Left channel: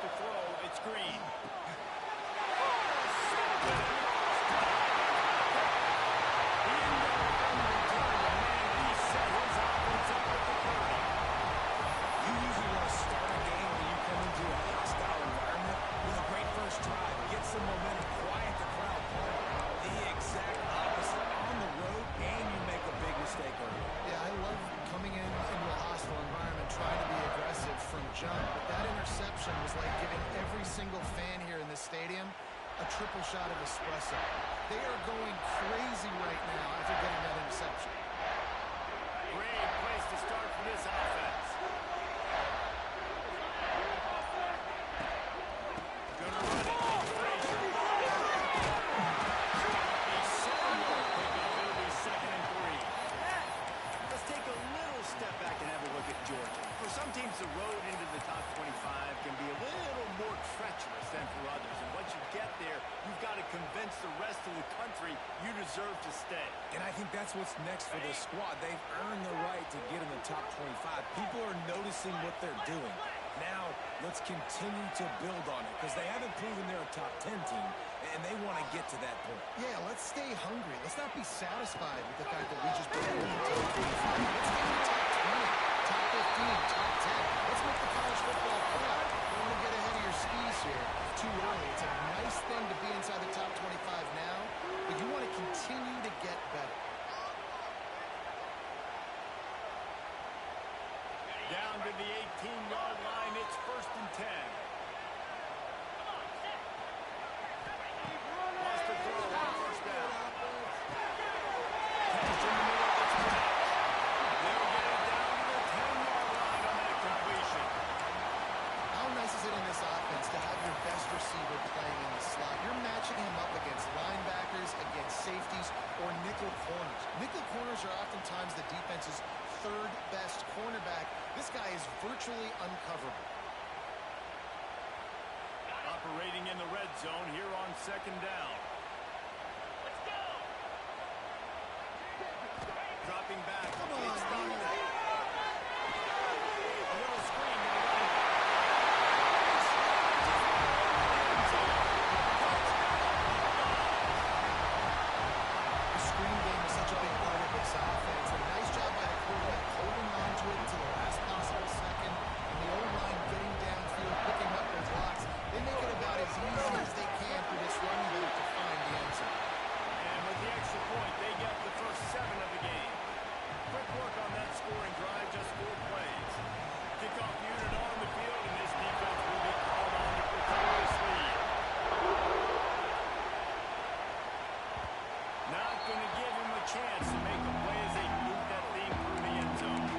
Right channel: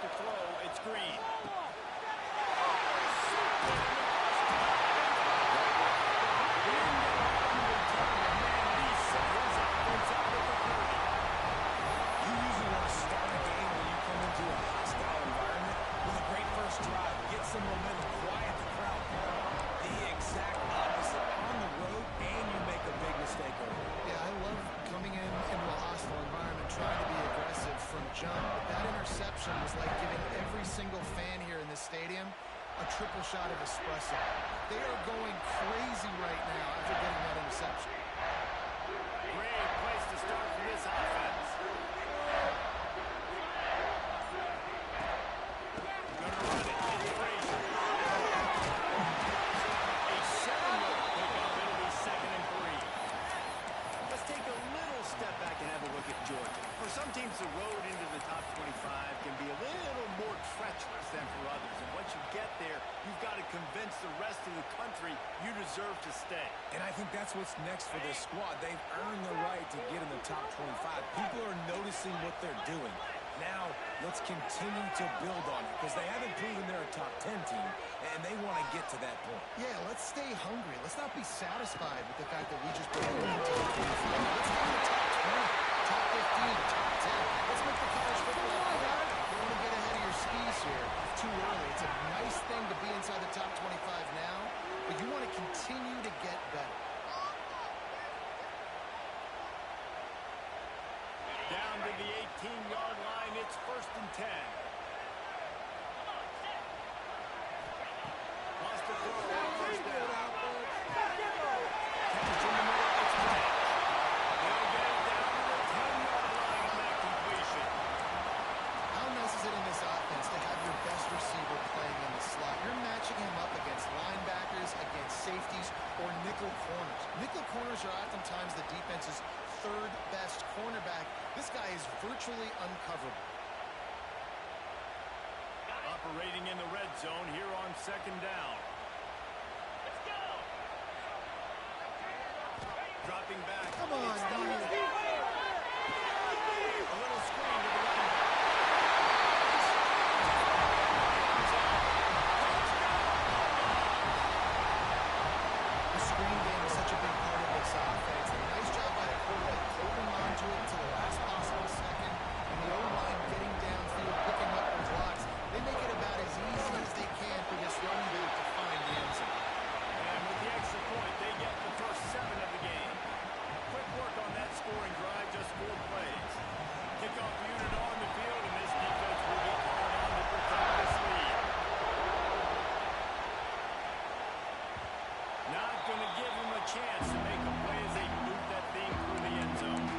to throw. It's Green. You usually want to start a game when you come into a hostile environment with a great first drive. Get some momentum, quiet the crowd. The exact opposite. On the road, and you make a big mistake early. Yeah, I love coming into a hostile environment, trying to be aggressive from jump. But that interception was like giving every single fan here in this stadium a triple shot of espresso. They are going crazy right now after getting that interception. Great place to start for this offense. Gonna run it. It's Frazier. A 7-yard pickup. It'll be 2nd and 3. Let's take a little step back and have a look at Georgia. For some teams, the road into the top 25 can be a little more treacherous than for others. And once you get there, you've got to convince the rest of the country you deserve to stay. And I think that's what's next for this squad. They've earned the right to get in the top 25. People are noticing what they're doing. Now, let's continue to build on it because they haven't proven they're a top 10 team, and they want to get to that point. Yeah, let's stay hungry. Let's not be satisfied with the fact that we just put it in the top 25. Let's get in the top 20, top 15, top 10. Let's make the college football proud. Don't want to get ahead of your skis here too early. It's a nice thing to be inside the top 25 now, but you want to continue to get better. Down to the 18-yard line, it's 1st and 10. Lost the throw on 1st down. Catch in the middle, it's Branch. They'll get it down to the 10-yard line on that completion. How nice is it in this offense to have your best receiver playing in the slot? You're matching him up against linebackers, against safeties, or nickel corners. Nickel corners are oftentimes the defense's third best cornerback. This guy is virtually uncoverable. Operating in the red zone here on 2nd down. Let's go. Dropping back. Come on, dude. A little screen to the running back. The screen game is such a big part of this offense. A nice job by the quarterback holding on to it until the last possible second, and the O-line getting downfield, picking up their blocks. They make it about as easy as they can for this running back to find the end zone. And with the extra point, they get the first 7 of the game. Quick work on that scoring drive, just 4 plays. Kickoff unit on the field, and this defense will be called on to protect this lead. Not going to give him a chance to make a play as they boot that thing through the end zone.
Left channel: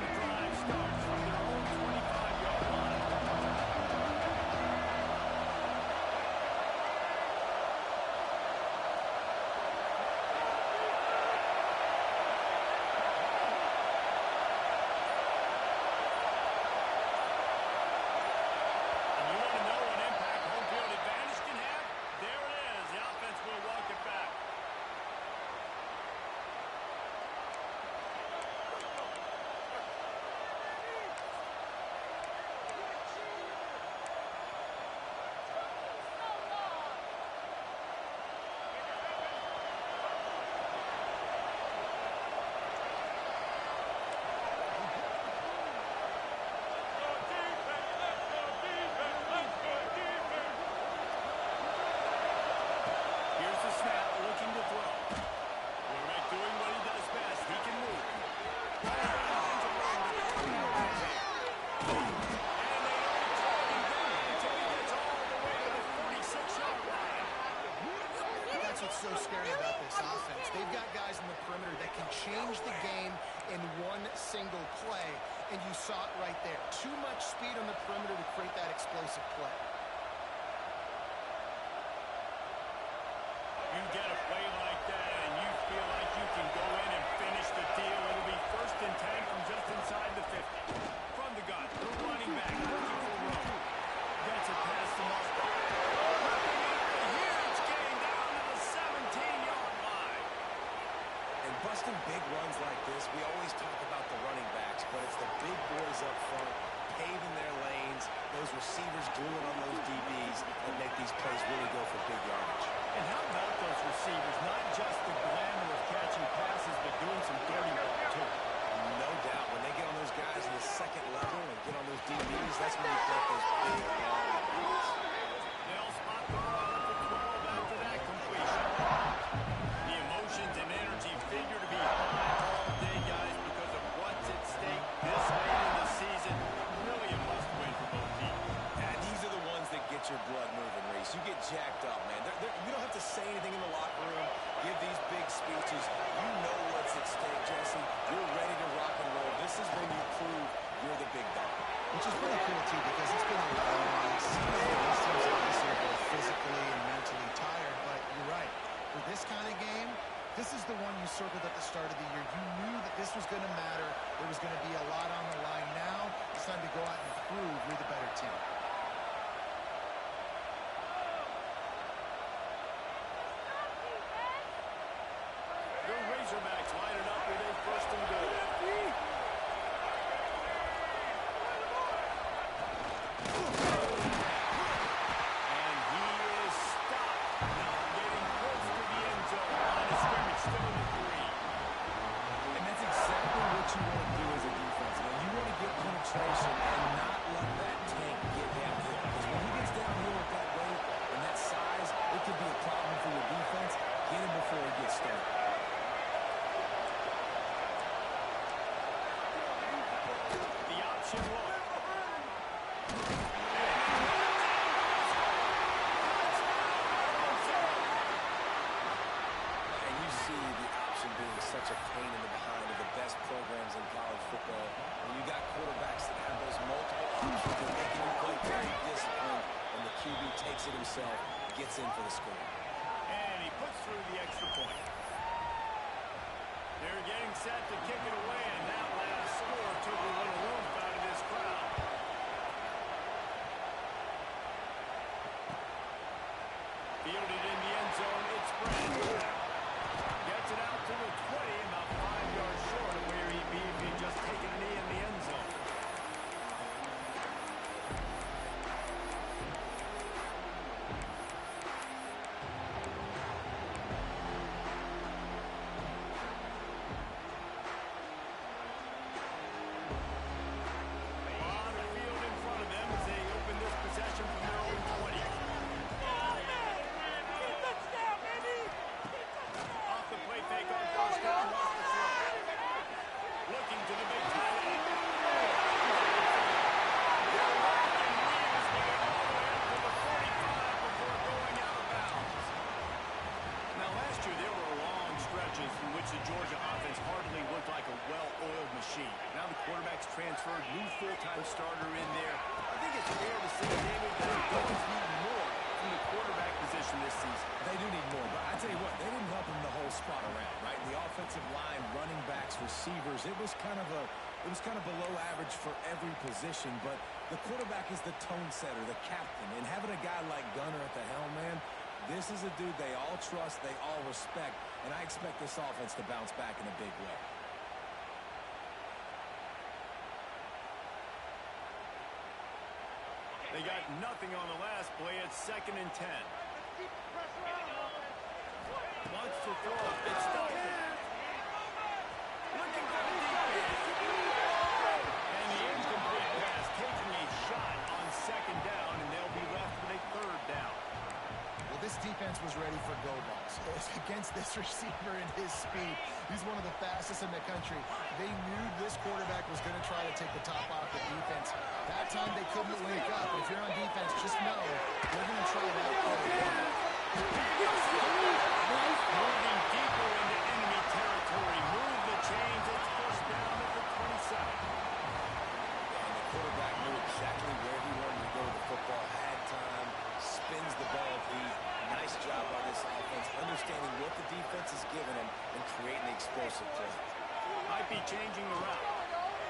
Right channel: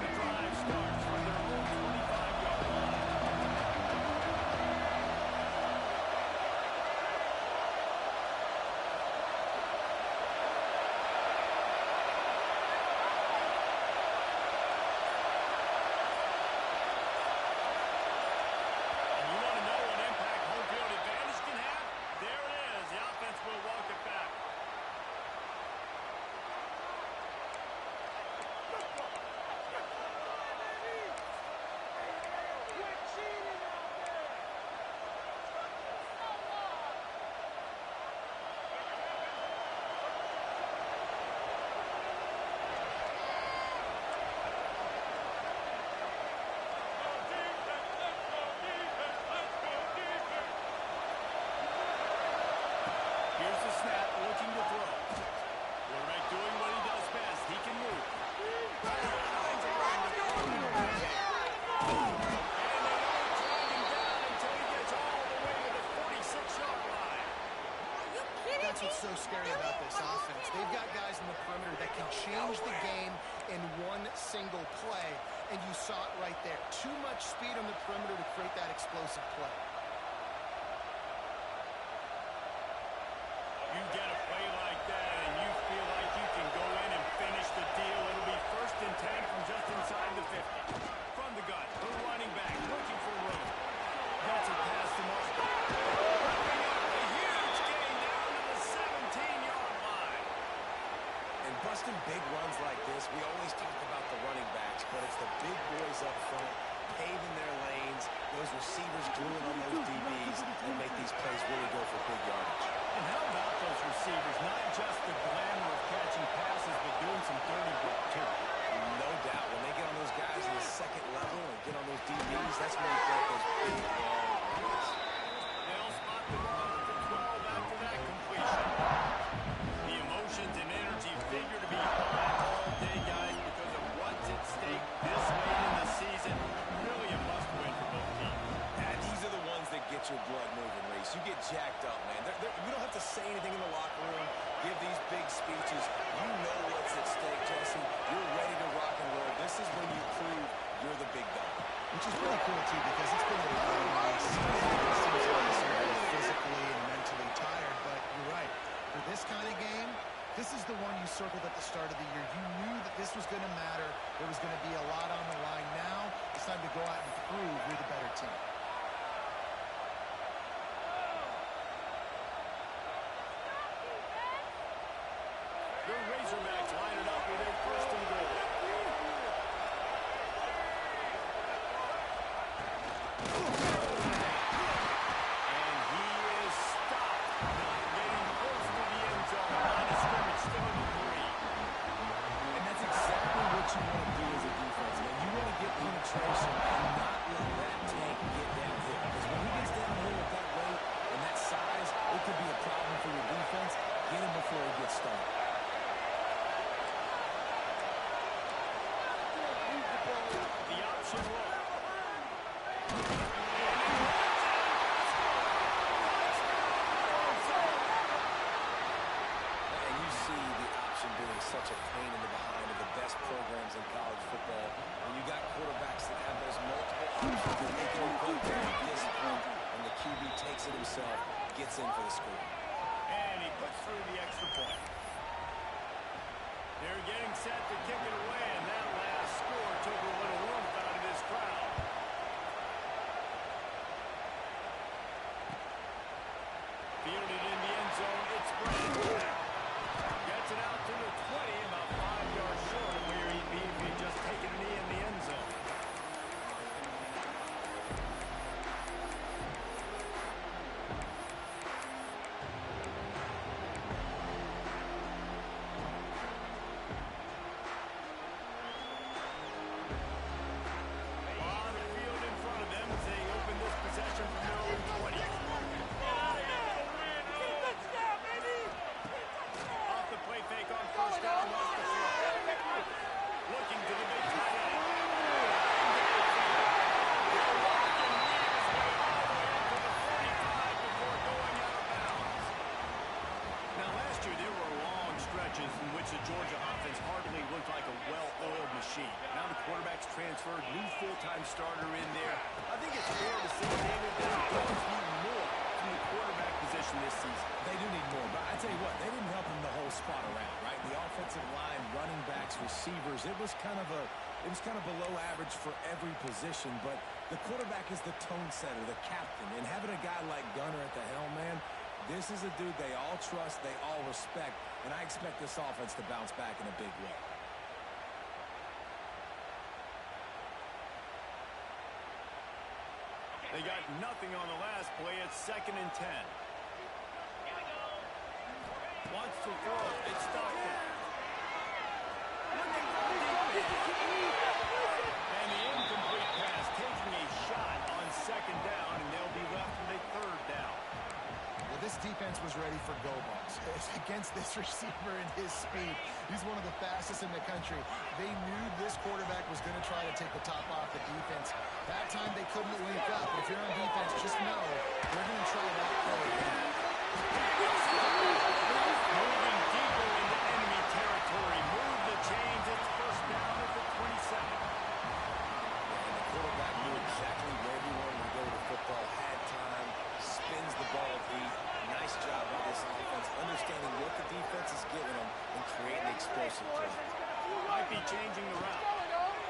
The drive starts from their own 25-yard line. And you want to know what impact home field advantage can have? There it is. The offense will walk it back. Here's the snap, looking to throw. Quarterback doing what he does best. He can move. And they don't drag him down until he gets all the way to the 46-yard line. That's what's so scary about this offense. They've got guys in the perimeter that can change the game in one single play, and you saw it right there. Too much speed on the perimeter to create that explosive play. You get a play like that, and you feel like you can go in and finish the deal. It'll be 1st and 10 from just inside the 50. From the gun, the running back looking for room. Gets this. We always talk about the running backs, but it's the big boys up front, paving their lanes, those receivers gluing on those DBs that make these plays really go for big yardage. And how about those receivers? Not just the glamour of catching passes, but doing some dirty work, too. No doubt. When they get on those guys in the second level and get on those DBs, that's when you get those big, long runs. They'll spot the ball at the 12 after that completion. The emotions and energy figure to be high all day, guys, because of what's at stake this late in the season. Really a must-win for both teams. And these are the ones that get your blood moving, Reese. You get jacked up, man. You don't have to say anything in the locker room, give these big speeches. You know what's at stake, Jesse. You're ready to rock and roll. This is when you prove you're the big dog. Which is pretty cool, too, because it's been a long season. These teams obviously are both physically and mentally tired, but you're right. For this kind of game, this is the one you circled at the start of the year. You knew that this was going to matter. There was going to be a lot on the line. Now it's time to go out and prove you're the better team. The Razorbacks line it up with a first and goal. And he is stopped, not getting close to the end zone. Line of scrimmage, still in the 3. And that's exactly what you want to do as a defense, man. You want to get penetration and not let that tank get downhill. Because when he gets downhill at that weight and that size, it could be a problem for your defense. Get him before he gets started. The option look. And you see the option being such a pain in the behind of the best programs in college football. When you got quarterbacks that have those multiple options, they're making you play very disciplined, and the QB takes it himself, gets in for the score. And he puts through the extra point. They're getting set to kick it away, and that last score took a little warmth out of this crowd. Fielded in the end zone, it's Brent. Gets it out to the 20, about 5 yards short of where he'd be if he'd just taken a knee in the end zone. In which the Georgia offense hardly looked like a well-oiled machine. Now the quarterback's transferred, new full-time starter in there. I think it's fair to say, David, that the Dolphins need more from the quarterback position this season. They do need more, but I tell you what, they didn't help him the whole spot around, right? The offensive line, running backs, receivers, it was kind of below average for every position, but the quarterback is the tone setter, the captain, and having a guy like Gunner at the helm, man, this is a dude they all trust, they all respect, and I expect this offense to bounce back in a big way. They got nothing on the last play. It's 2nd and 10. Wants to throw. It's Stockton. Looking for the defense. And the incomplete pass taking a shot on 2nd down, and they'll be left with a 3rd down. Well, this defense was ready for go balls. Against this receiver and his speed, he's one of the fastest in the country. They knew this quarterback was going to try to take the top off the defense. That time they couldn't link up. But if you're on defense, just know they're going to try that play again. Moving deeper into enemy territory. Move the chains. It's 1st down at the 27. And the quarterback knew exactly where he wanted to go with the football, had time, spins the ball deep. Nice job by this offense, understanding what the defense is giving them and creating the explosive play. Might be changing the route.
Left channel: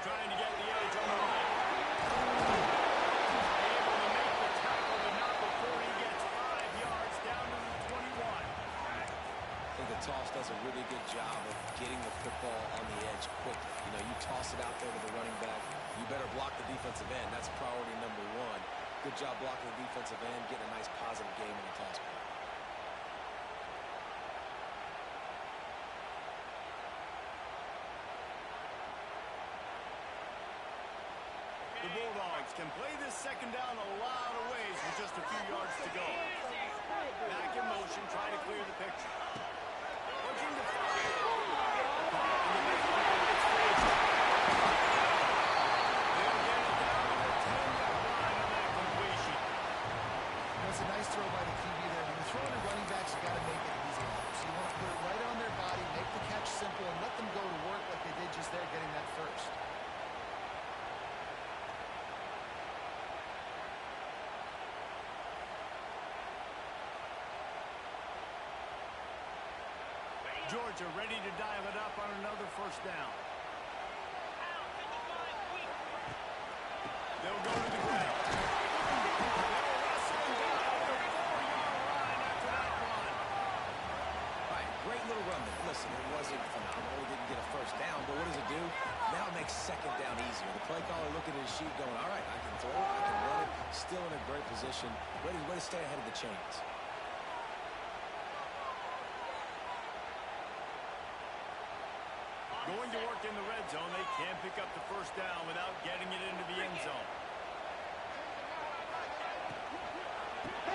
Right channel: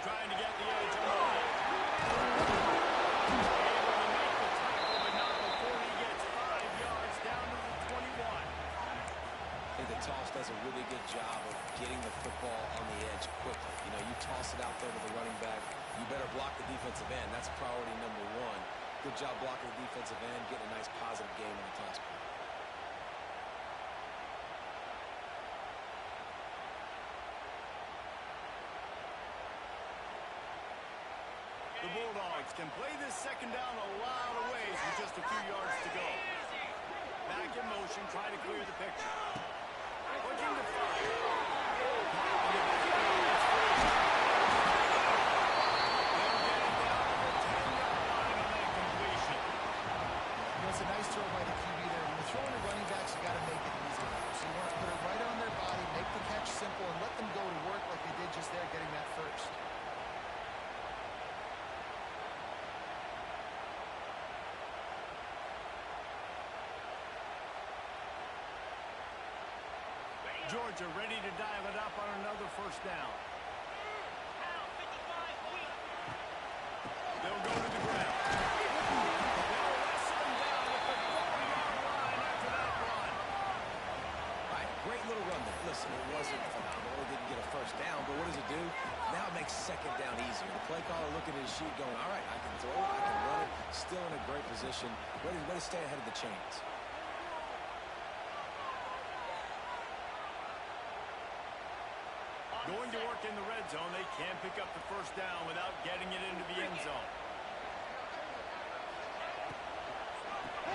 Trying to get the edge on the right. Able to make the tackle, but not before he gets 5 yards down to the 21. I think the toss does a really good job of getting the football on the edge quick. you toss it out there to the running back, you better block the defensive end. That's priority number one. Good job blocking the defensive end, getting a nice positive game in the toss play. The Bulldogs can play this second down a lot of ways with just a few yards to go. Back in motion, try to clear the picture. Looking to fire. Caught in the backfield, it's free. They'll get it down to the 10-yard line on that completion. You know, it's a nice throw by the QB there. When you're throwing to running backs, you got to make it easy. So you want to put it right on their body, make the catch simple, and let them go to work like they did just there, getting that first. Georgia ready to dial it up on another first down. They'll go to the ground. They'll wrestle him down at the 4-yard line after that run. All right, great little run there. Listen, it wasn't phenomenal. It didn't get a first down, but what does it do? Now it makes second down easier. The play caller looking at his sheet going, all right, I can throw it, I can run it, still in a great position, ready to stay ahead of the chains. Going to work in the red zone. They can't pick up the first down without getting it into the end zone.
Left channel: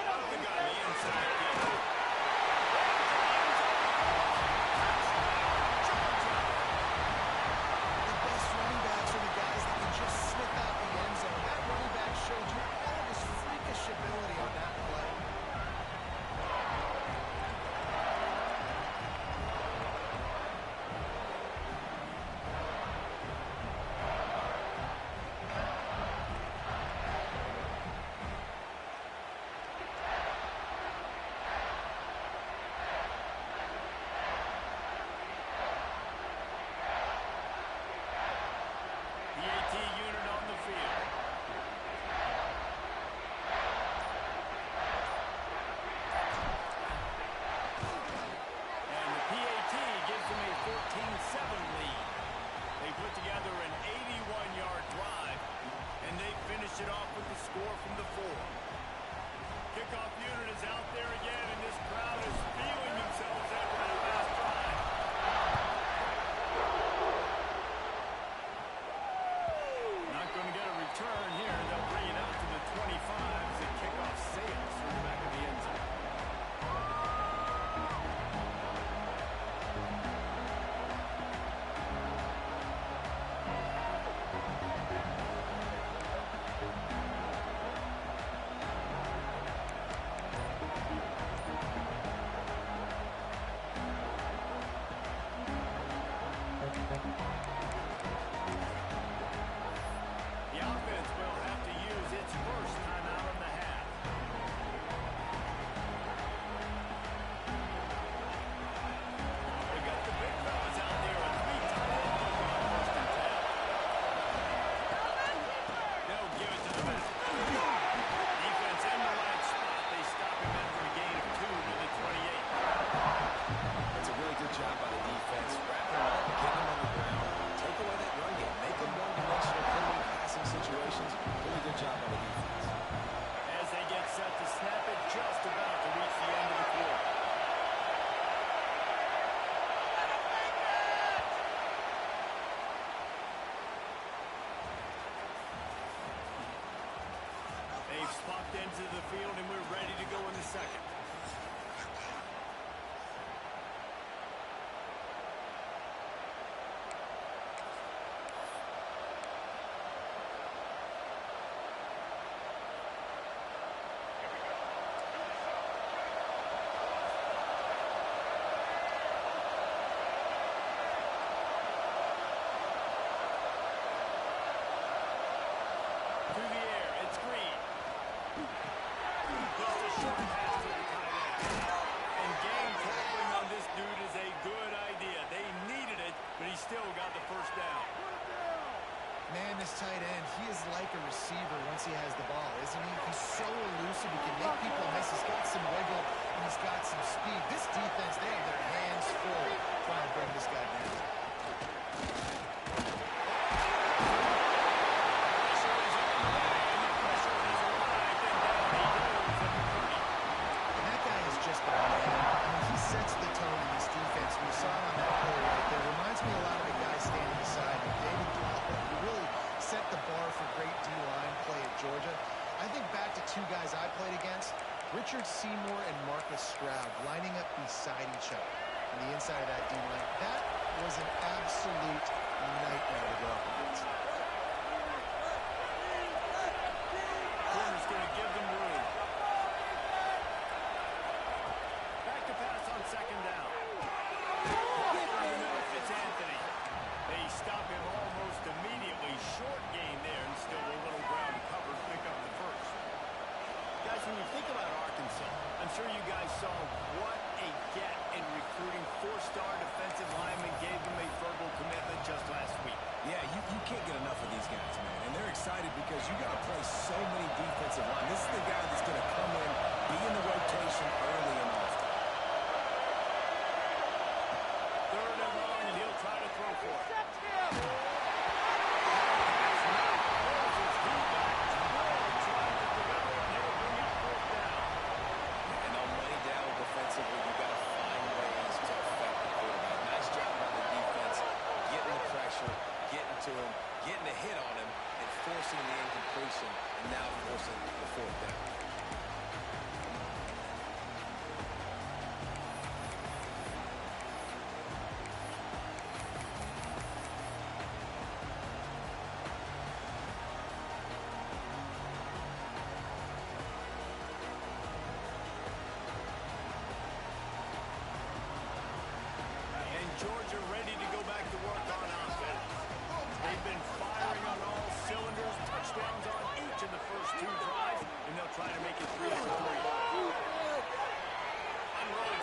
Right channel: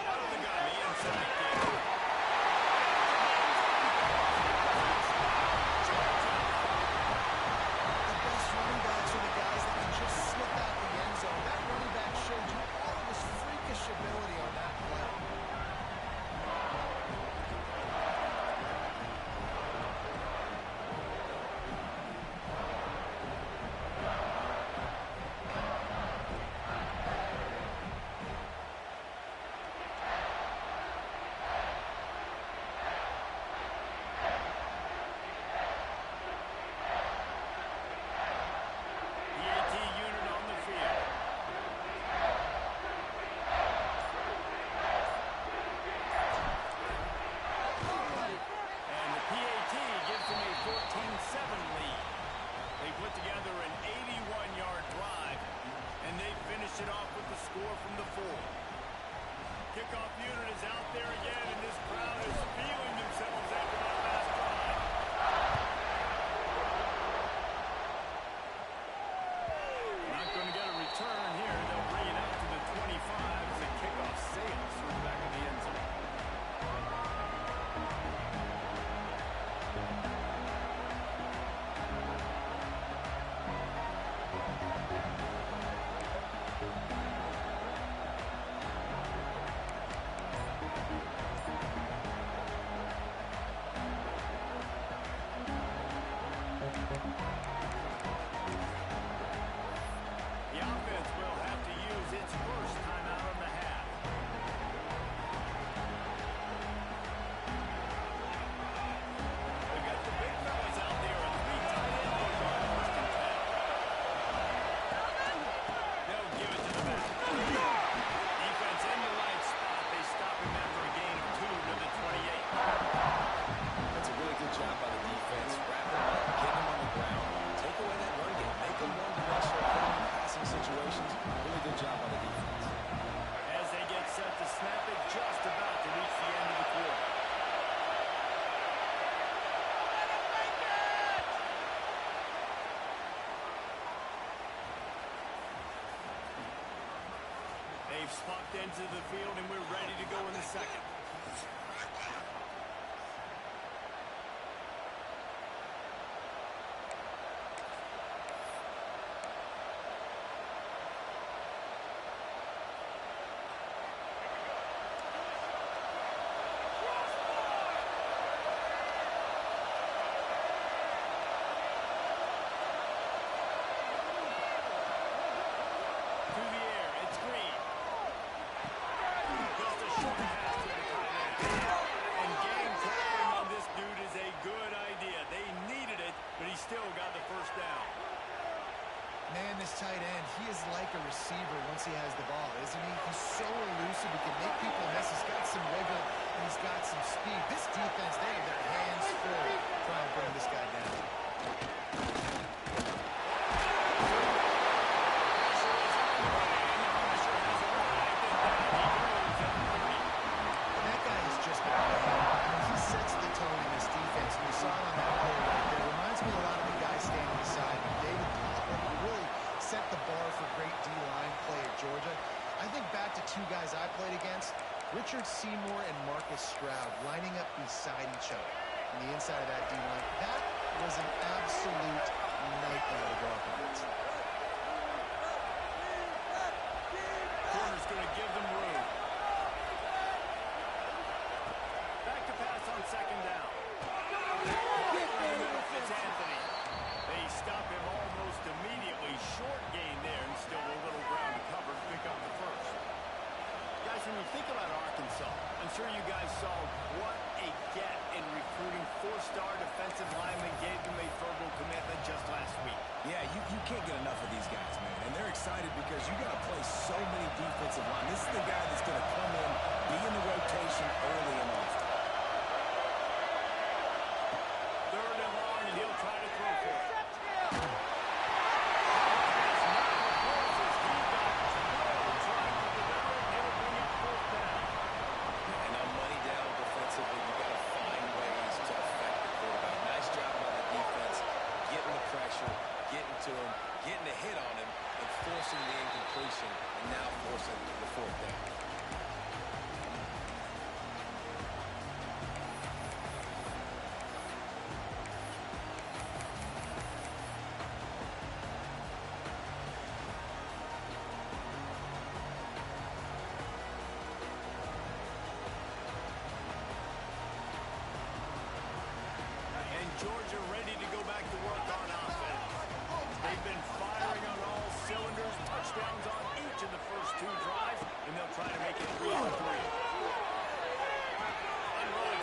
Out of the gun, the inside kick. The best running backs are the guys that can just slip out the end zone. That running back showed you all of his freakish ability on that play. It off with the score from the 4. Kickoff unit is out there again, and this crowd is feeling themselves after that last drive. Not going to get a return here. They'll bring it out to the 25 as the kickoff sails through the back of the end zone. The offense will have to use its first timeout in the half. They've got the big fellas out there, a 3 tight end look on first and 10. They'll give it to the back. Defense in the right spot. They stop him after a gain of 2 to the 28. That's a really good job by the defense. Wrap him up, get him on the ground, take away that run game, make him one-dimensional, put him in passing situations. Really good job by the defense. As they get set to snap it, just about to reach the end of the quarter. They've popped into the field, and we're ready to go in the second. Through the air, it's Green. Just a short pass to the tight end. And game tackling on this dude is a good idea. They needed it, but he still got the first down. Man, this tight end, he is like a receiver once he has the ball, isn't he? He's so elusive, he can make people miss. He's got some wiggle, and he's got some speed. This defense, they have their hands full trying to bring this guy down. guys I played against, Richard Seymour and Marcus Stroud lining up beside each other on the inside of that D-line. That was an absolute nightmare to go up against. Corner's going to give them room. Back to pass on second down. It's Anthony. They stop him almost immediately. Short gain there, and still a little ground covered. Pick up the first. Guys, when you think about Arkansas, I'm sure you guys saw what a get in recruiting. Four-star defensive linemen gave them a verbal commitment just last week. Yeah, you can't get enough of these guys, man. And they're excited because you got to play so many defensive line. This is the guy that's going to come in, be in the rotation early and often. Third and long, and he'll try to throw for it. Defensively, you've got to find ways to affect the quarterback. Nice job by the defense, getting the pressure, getting to him, getting a hit on him, and forcing the incompletion, and now forcing the fourth down. Georgia ready to go back to work on offense. They've been firing on all cylinders, touchdowns on each of the first two drives, and they'll try to make it 3-3. Unloads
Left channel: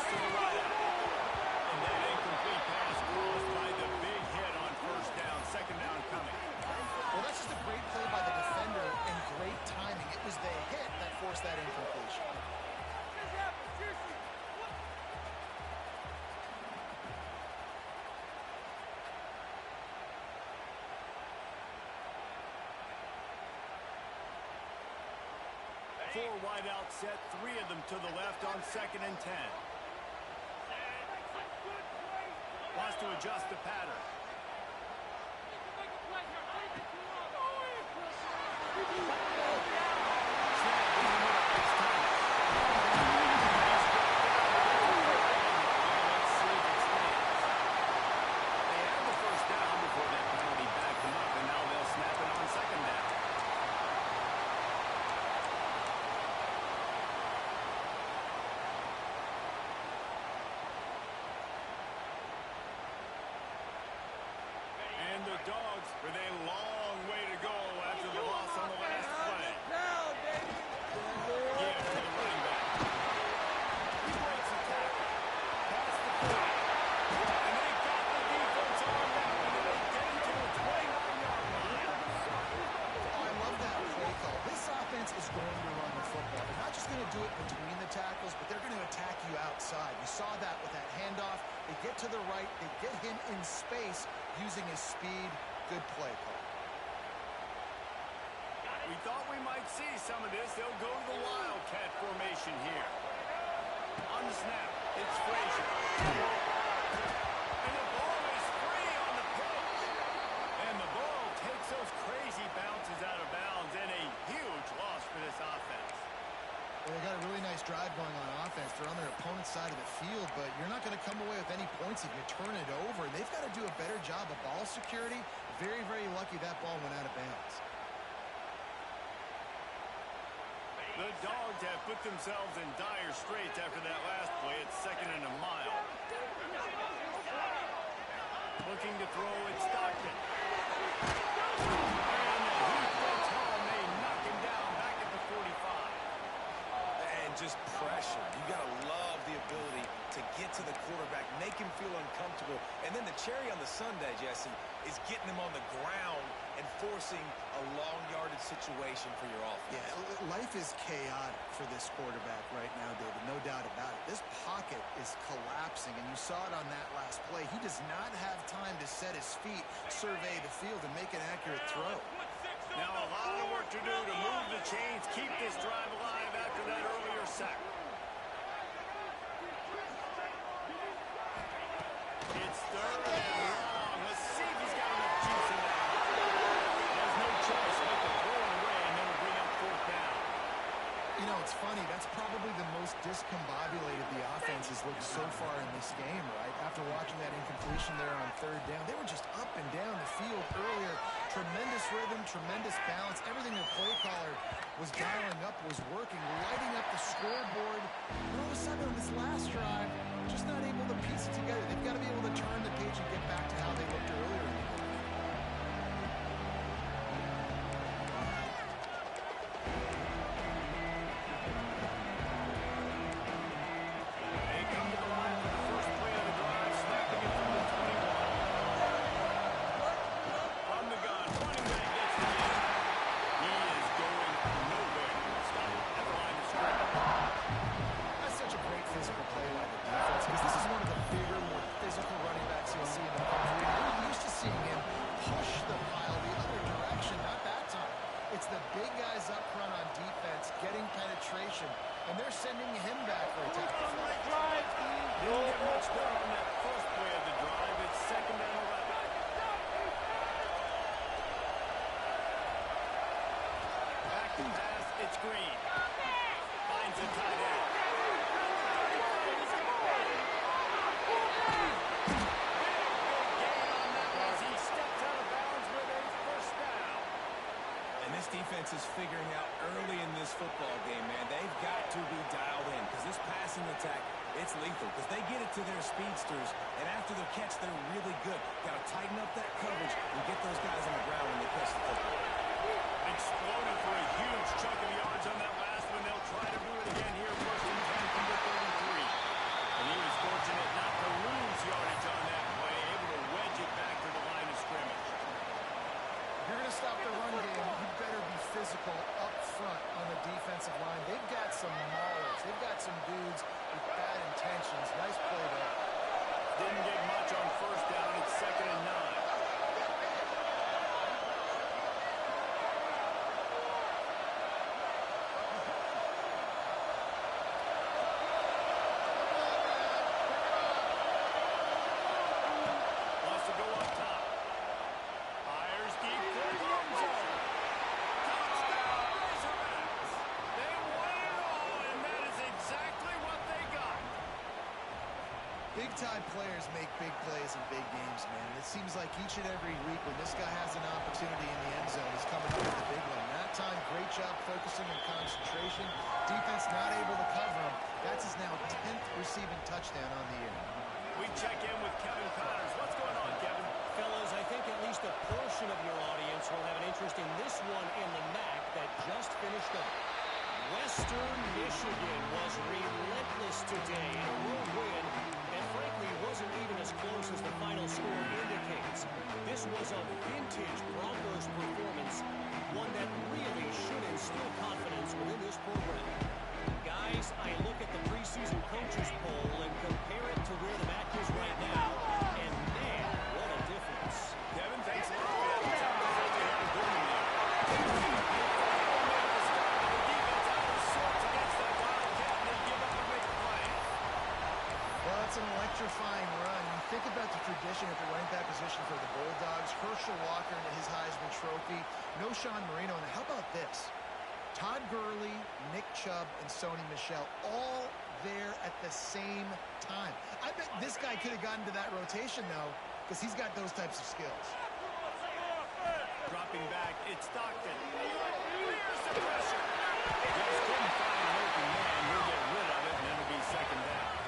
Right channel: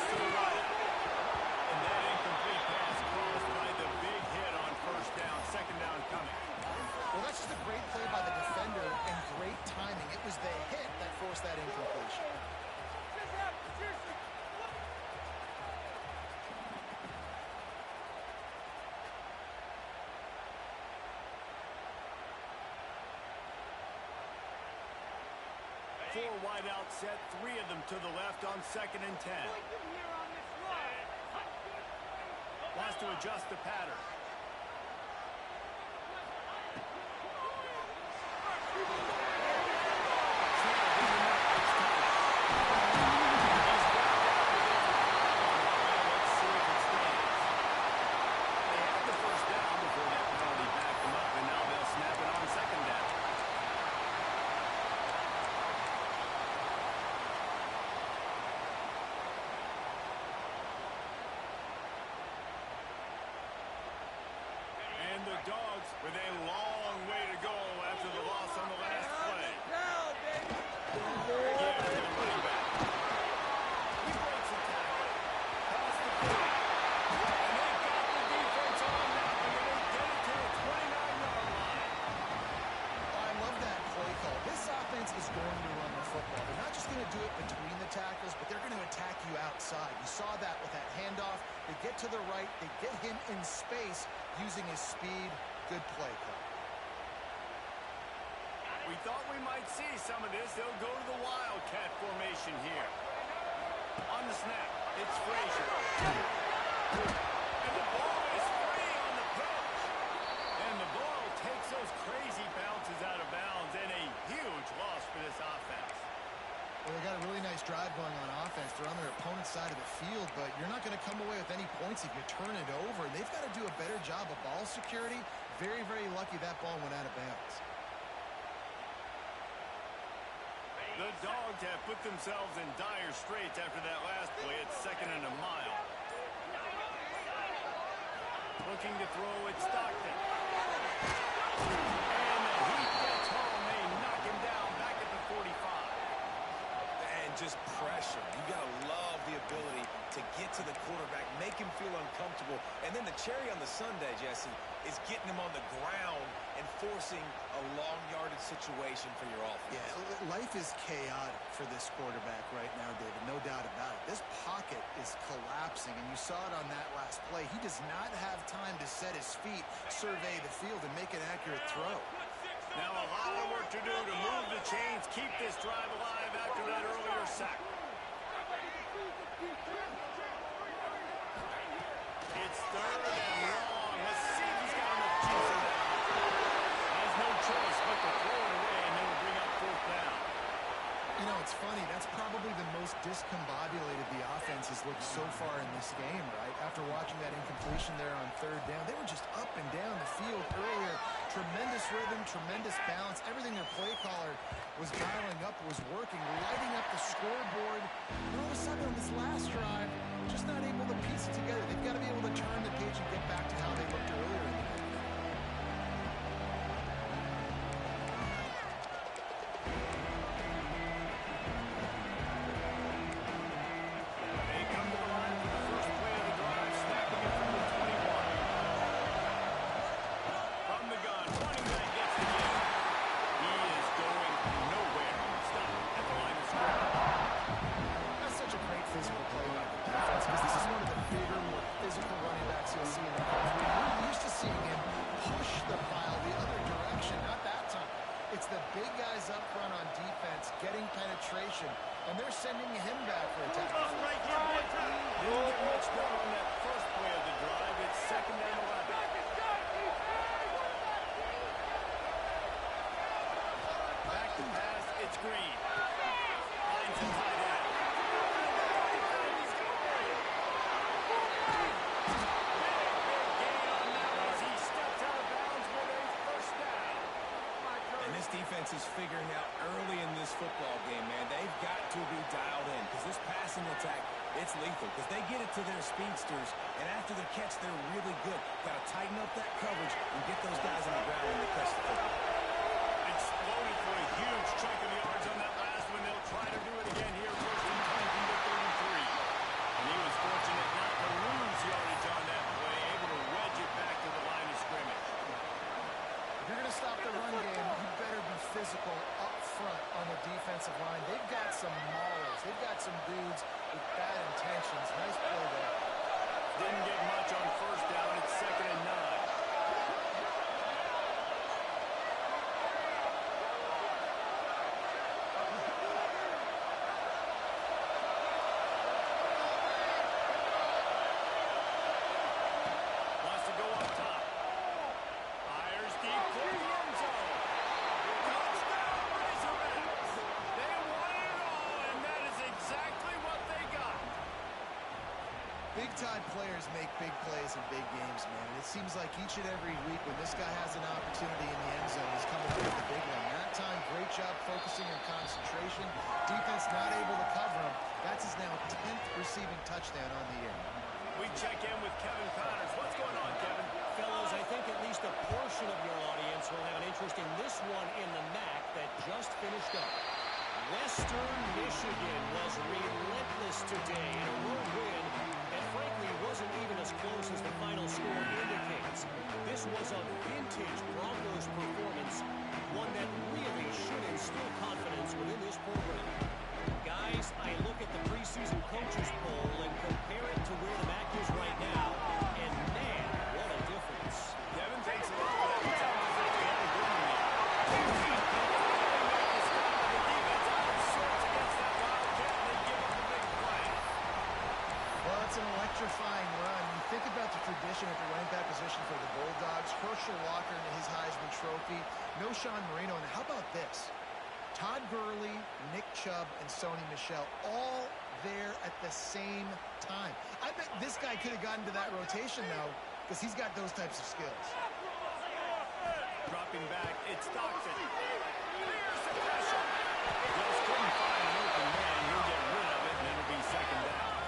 to the right out. And that incomplete pass caused by the big hit on first down. Second down coming. Well, that's just a great play by the defender and great timing. It was the hit that forced that incompletion. Four wide out set, three of them to the left on 2nd and 10. Wants to adjust the pattern. Snap in the middle. It's Thomas. He's brought down with it. Let's see if it stands. They had the first down before that penalty backed them up, and now they'll snap it on second down. And the Dogs with a long way to go after the loss on the last play. Again for the running back. He breaks a tackle. Past the 40. And they got the defense on that one, and they get it to the 29-yard line. Oh, I love that play call. This offense is going to run the football. They're not just going to do it between the tackles, but they're going to attack you outside. You saw that with that handoff. They get to the right. They get him in space using his speed. Good play call. We thought we might see some of this. They'll go to the Wildcat formation here. On the snap, it's Frazier. And the ball is free on the pitch. And the ball takes those crazy bounces out of bounds, and a huge loss for this offense. Well, they got a really nice drive going on offense. They're on their opponent's side of the field, but you're not going to come away with any points if you turn it over. And they've got to do a better job of ball security. Very, very lucky that ball went out of bounds. The Dogs have put themselves in dire straits after that last play. It's 2nd and a mile. Looking to throw, it's Stockton. And he gets home. They knock him down back at the 45. And just pressure. You got to love the ability to get to the quarterback, make him feel uncomfortable. And then the cherry on the sundae, Jesse, is getting him on the ground and forcing a long yardage situation for your offense. Yeah, life is chaotic for this quarterback right now, David. No doubt about it. This pocket is collapsing, and you saw it on that last play. He does not have time to set his feet, survey the field, and make an accurate throw. Now a lot of work to do to move the chains, keep this drive alive after that earlier sack. It's 3rd and long. Let's see if he's got enough juice in that. Has no choice but to throw it away, and then we'll bring up 4th down. You know, it's funny. That's probably the most discombobulated the offense has looked so far in this game, right? After watching that incompletion there on third down, they were just up and down the field earlier. Tremendous rhythm, tremendous balance. Everything their play caller was dialing up was working, lighting up the scoreboard. And all of a sudden on this last drive, just not able to piece it together. They've got to be able to turn the page and get back to how they looked earlier in the game. And they're sending him back for a tackle. Didn't get much done on that first play of the drive. It's second and 11. Back to pass. It's Green. Finds a tight end. Big gain on that one as he steps out of bounds with a first down. And this defense is figuring out early in this football game, man. They've got to be dialed in because this passing attack, it's lethal because they get it to their speedsters, and after the catch, they're really good. Got to tighten up that coverage and get those guys on the ground when they catch the football. Exploded for a huge chunk of yards on that last one. They'll try to do it again here, first and 10 from the 33. And he was fortunate not to lose yardage on that play, able to wedge it back to the line of scrimmage. If you're going to stop the run game, you better be physical up front on the defensive line. They've got some maulers. They've got some dudes with bad intentions. Nice play there. Didn't get much on first down. It's second and 9. Wants to go up top. Fires deep for the end zone. Touchdown, Razorbacks. They won it all, and that is exactly what they got. Big-time players make big plays in big games, man. And it seems like each and every week when this guy has an opportunity in the end zone, he's coming up with the big one. That time, great job focusing and concentration. Defense not able to cover him. That's his now 10th receiving touchdown on the year. We check in with Kevin Connors. What's going on, Kevin? Fellas, I think at least a portion of your audience will have an interest in this one in the MAC that just finished up. Western Michigan was relentless today in a road win, and frankly wasn't even as close as the final score indicates. This was a vintage Broncos performance, one that really should instill confidence within this program. Guys, I look at the preseason coaches poll and compare it to where the MAC is right now, and man, what a difference. Kevin, thanks a lot for that. It sounds like they have a good one there. They finally make the stop, and the defense out of sorts against that Wildcat, and they give up a big play. Well, it's an electrifying run. You think about the tradition at the running back position for the Bulldogs. Herschel Walker and his Heisman Trophy. No Sean Marino. And how about this? Todd Gurley, Nick Chubb, and Sony Michel all there at the same time. I bet this guy could have gotten to that rotation, though, because he's got those types of skills. Dropping back, it's Stockton. Clears the pressure. Just couldn't find an open man. He'll get rid of it, and it'll be second down.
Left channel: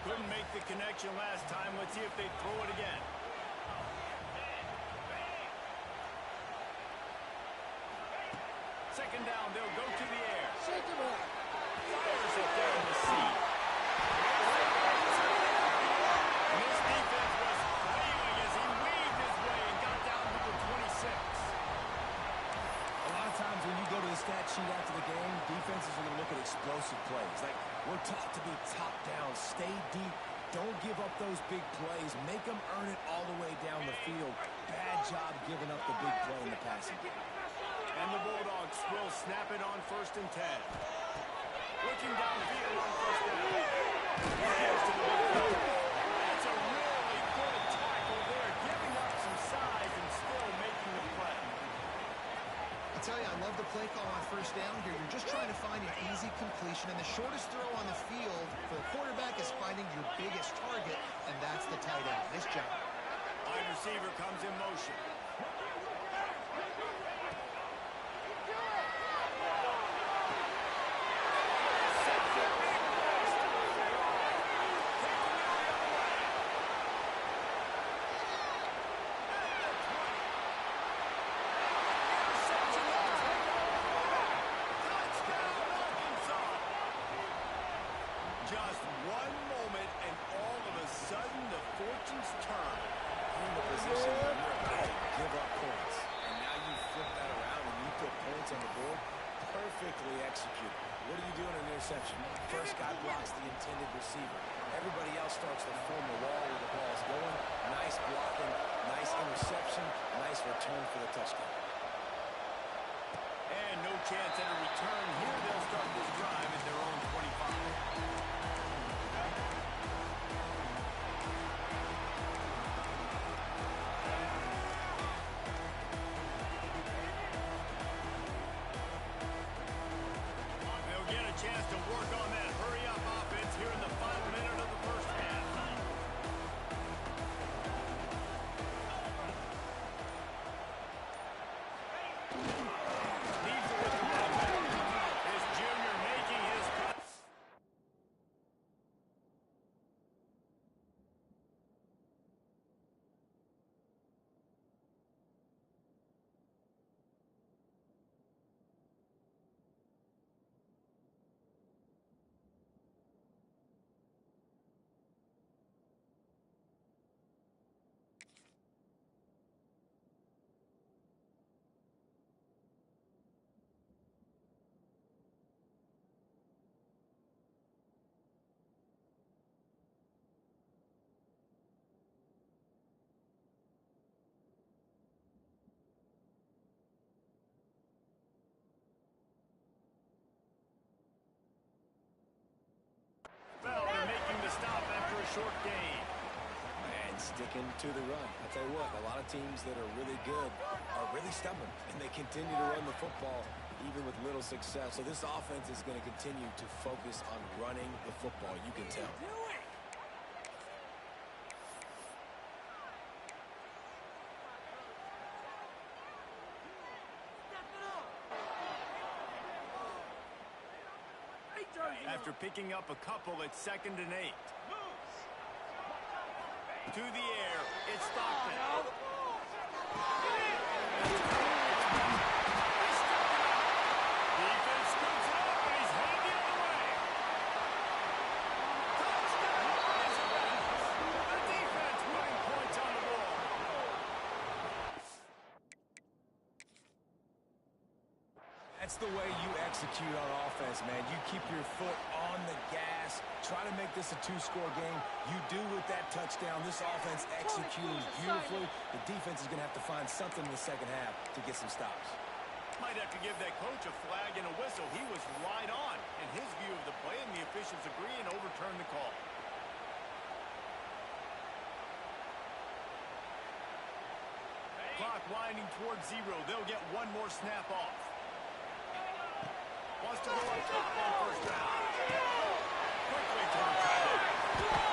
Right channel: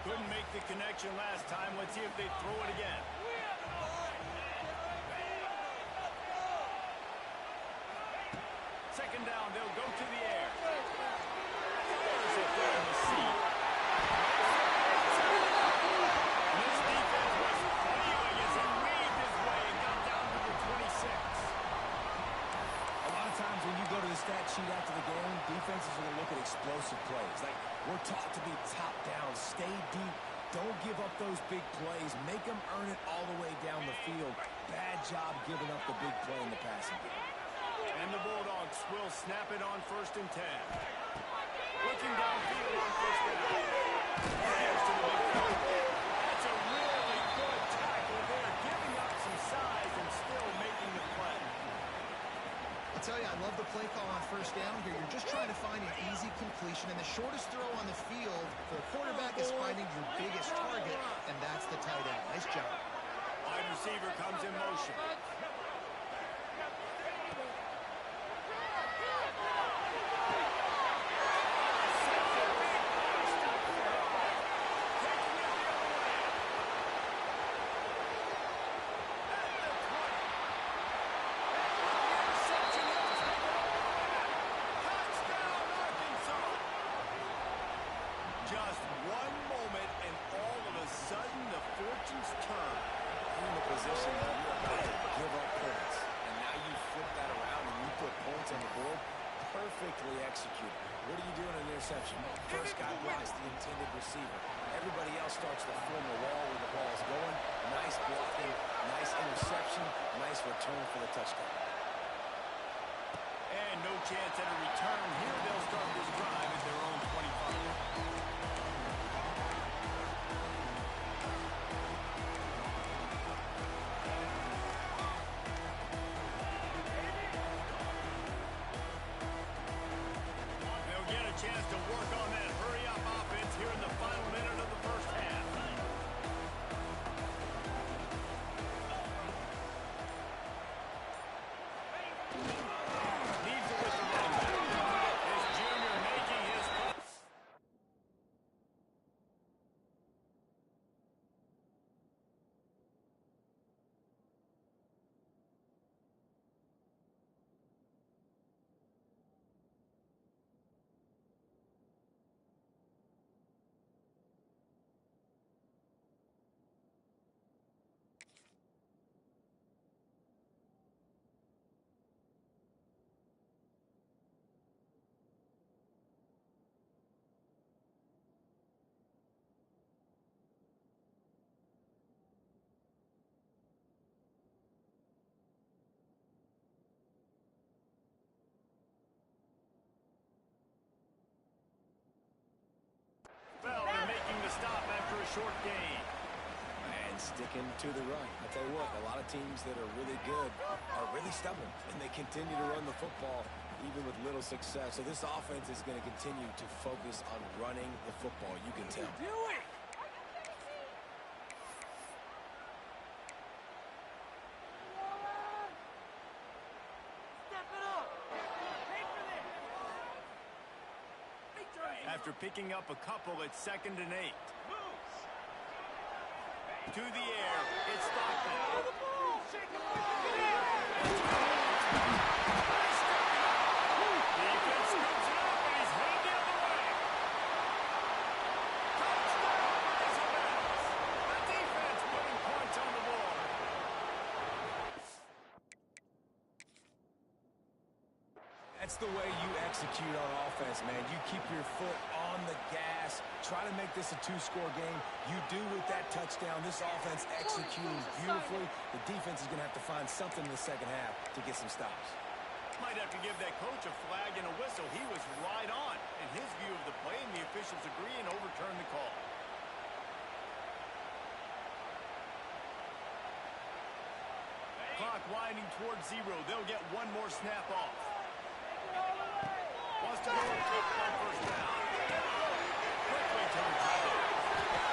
Couldn't make the connection last time. Let's see if they throw it again. Second down, they'll go to the air. Fires it there in the seat. And this defense was flailing as he weaved his way and got down to the 26. A lot of times when you go to the stat sheet after the game, defenses are going to look at explosive plays. Like, we're taught to be top down, stay deep, don't give up those big plays, make them earn it all the way down the field. Bad job giving up the big play in the passing game. And the Bulldogs will snap it on first and 10. Looking downfield on first down. Here's to the big play. That's a really good tackle there, giving up some size and still making the play. I'll tell you, I love the play call on first down here. You're just trying to find an easy completion, and the shortest throw on the field for the quarterback is finding your biggest target, and that's the tight end. Nice job. Wide receiver comes in motion. Just one moment, and all of a sudden, the fortunes turn. You're in a position where you're about to give up points. And now you flip that around and you put points on the board. Perfectly executed. What do you do in an interception? First guy blocks the intended receiver. Everybody else starts to form a wall where the ball's going. Nice blocking, nice interception, nice return for the touchdown. And no chance at a return. Here they'll start this drive at their own 25. Chance to work on that hurry-up offense here in the final minute of the first half. Needs it with the running back. This junior making his... Well, they're making the stop after a short gain. And sticking to the run. I tell you what, a lot of teams that are really good are really stubborn, and they continue to run the football even with little success. So this offense is going to continue to focus on running the football. You can tell. After picking up a couple, it's 2nd and 8. To the air, it's Stockton. Defense scoops it up, and he's headed the other way. Touchdown, Razorbacks! The defense putting points on the board. That's the way you execute on offense, man. You keep your foot on the gas. Try to make this a 2-score game. You do with that touchdown. This offense executing beautifully. The defense is going to have to find something in the second half to get some stops. Might have to give that coach a flag and a whistle. He was right on in his view of the play, and the officials agree and overturn the call. Clock winding towards 0. They'll get one more snap off. Wants to go up top on first down. Quickly to the tight end.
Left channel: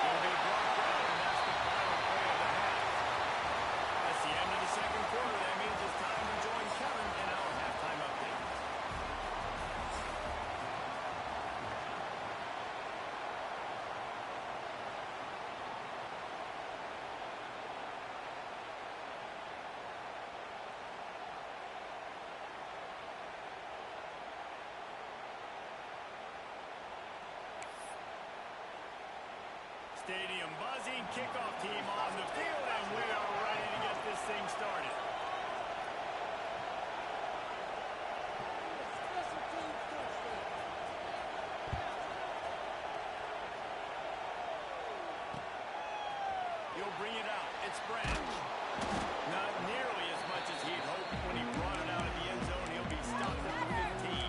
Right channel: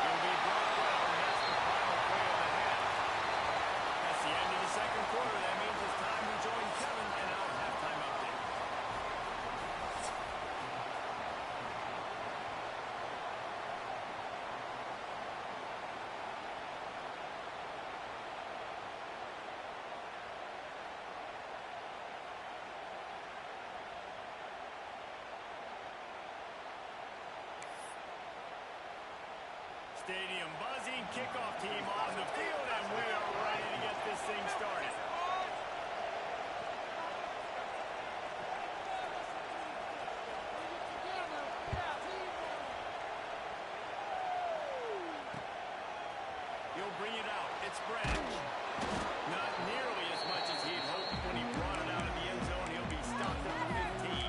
He'll be brought down, and that's the final play of the half. That's the end of the second quarter. That means it's time to join Kevin in our halftime update. Stadium buzzing, kickoff team on the field, and we are ready to get this thing started. He'll bring it out. It's Branch. Not nearly as much as he'd hoped when he brought it out of the end zone. He'll be stopped at the 15.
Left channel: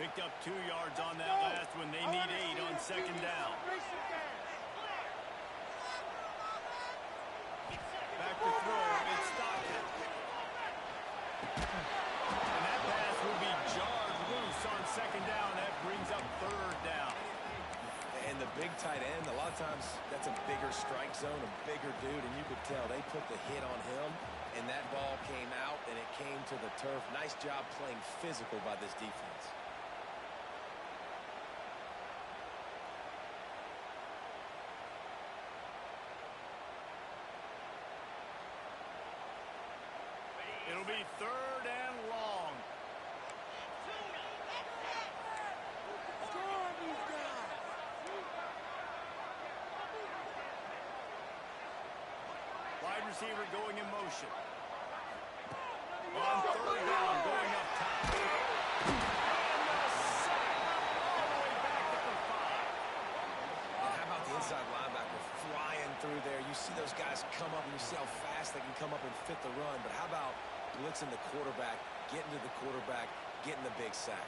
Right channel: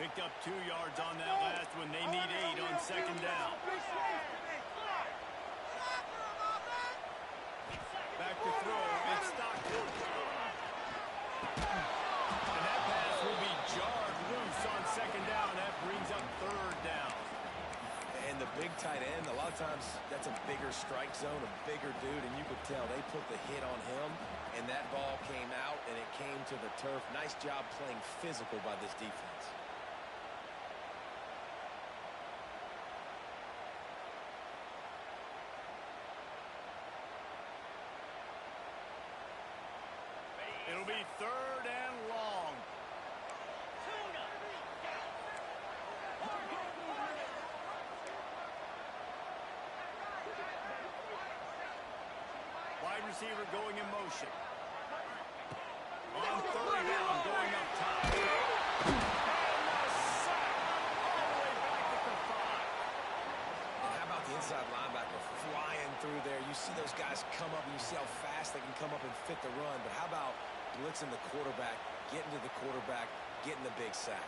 Picked up 2 yards on that last one. They need 8 on second down. Back to throw. It's Stockton. And that pass will be jarred loose on second down. That brings up third down. And the big tight end, a lot of times that's a bigger strike zone, a bigger dude, and you could tell they put the hit on him, and that ball came out, and it came to the turf. Nice job playing physical by this defense. It'll be third and long. Wide receiver going in motion. On third down, going up top. And the sack all the way back at the 5. And how about the inside linebacker flying through there? You see those guys come up, and you see how fast they can come up and fit the run. But how about blitzing the quarterback, getting to the quarterback, getting the big sack?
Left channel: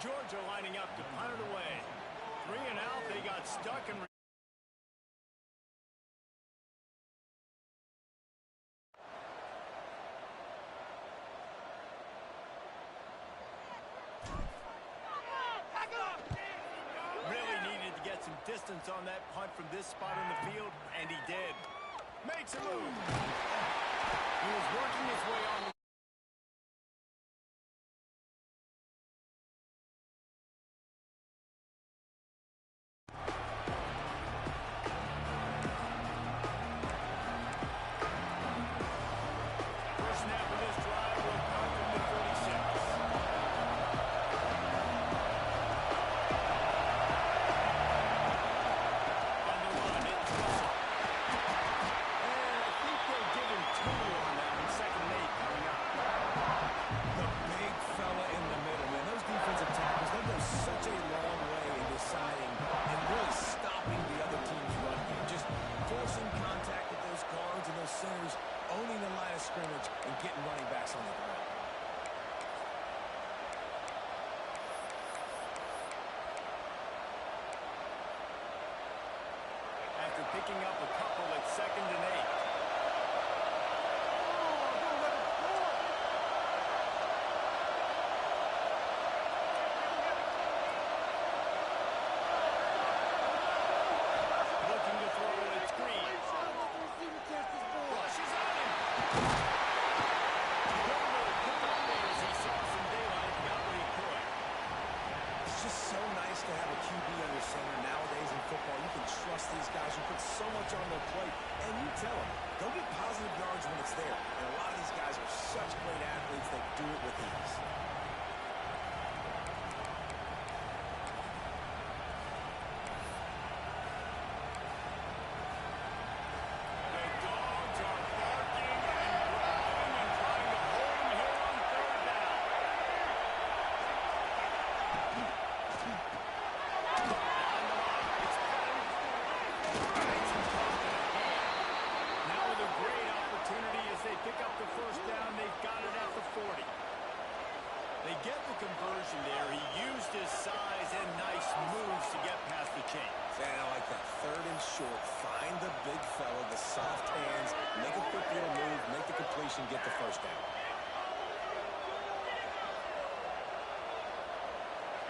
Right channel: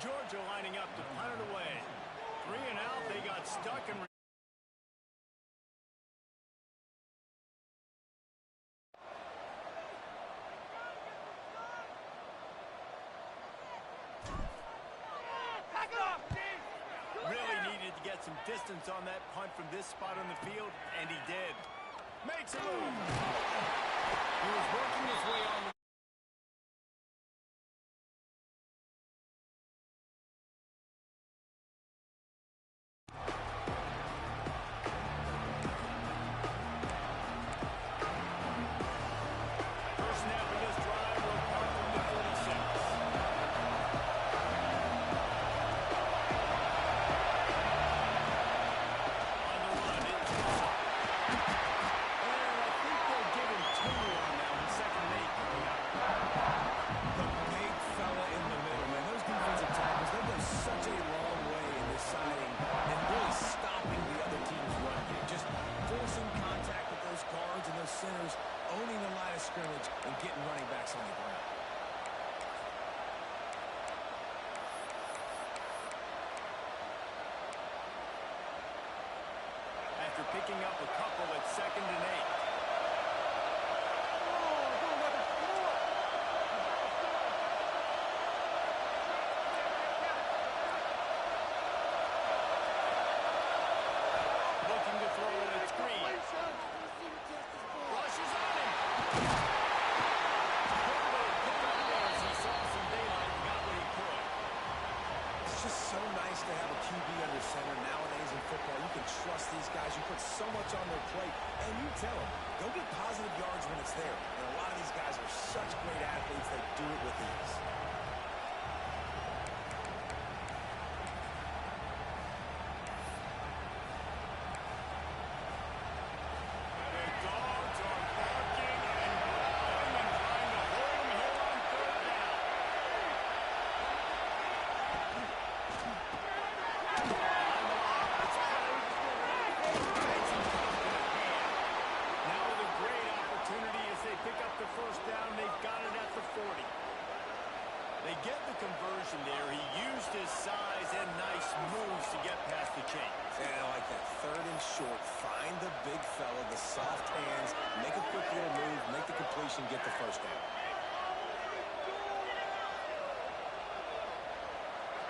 Georgia lining up to punt it away. 3 and out. They got stuck and really needed to get some distance on that punt from this spot on the field, and he did. Makes a move. He was working his way on the first snap of this drive will come from the 46. On the run, it's Russell. And I think they'll give him 2 on that one. Second and 8 coming up. The big fella in the middle, man. Those defensive tackles, they go such a long way in deciding and really stopping the other team's run game. Just forcing contact with those guards and those centers, owning the line of scrimmage, and getting running backs on the ground. After picking up a couple at second and 8. Looking to throw, it's Green. Rushes on him. Good little pick up there as he saw some daylight and got what he could. It's just so nice to have a QB under center. Nowadays in football, you can trust these guys. You put so much on their plate, and you tell them, go get positive yards when it's there. And a lot of these guys are such great athletes, they do it with ease. The dogs are barking and growling and trying to hold him here on third down. On the lock, it's Kelly. Makes him tough to the hand. Now with a great opportunity as they pick up the first down. They've got it at the 40. They get the conversion there. He used his size and nice moves to get past the chains. And I like that. Third and short. Find the big fella, the soft hands, make a quick little move, make the completion, get the first down.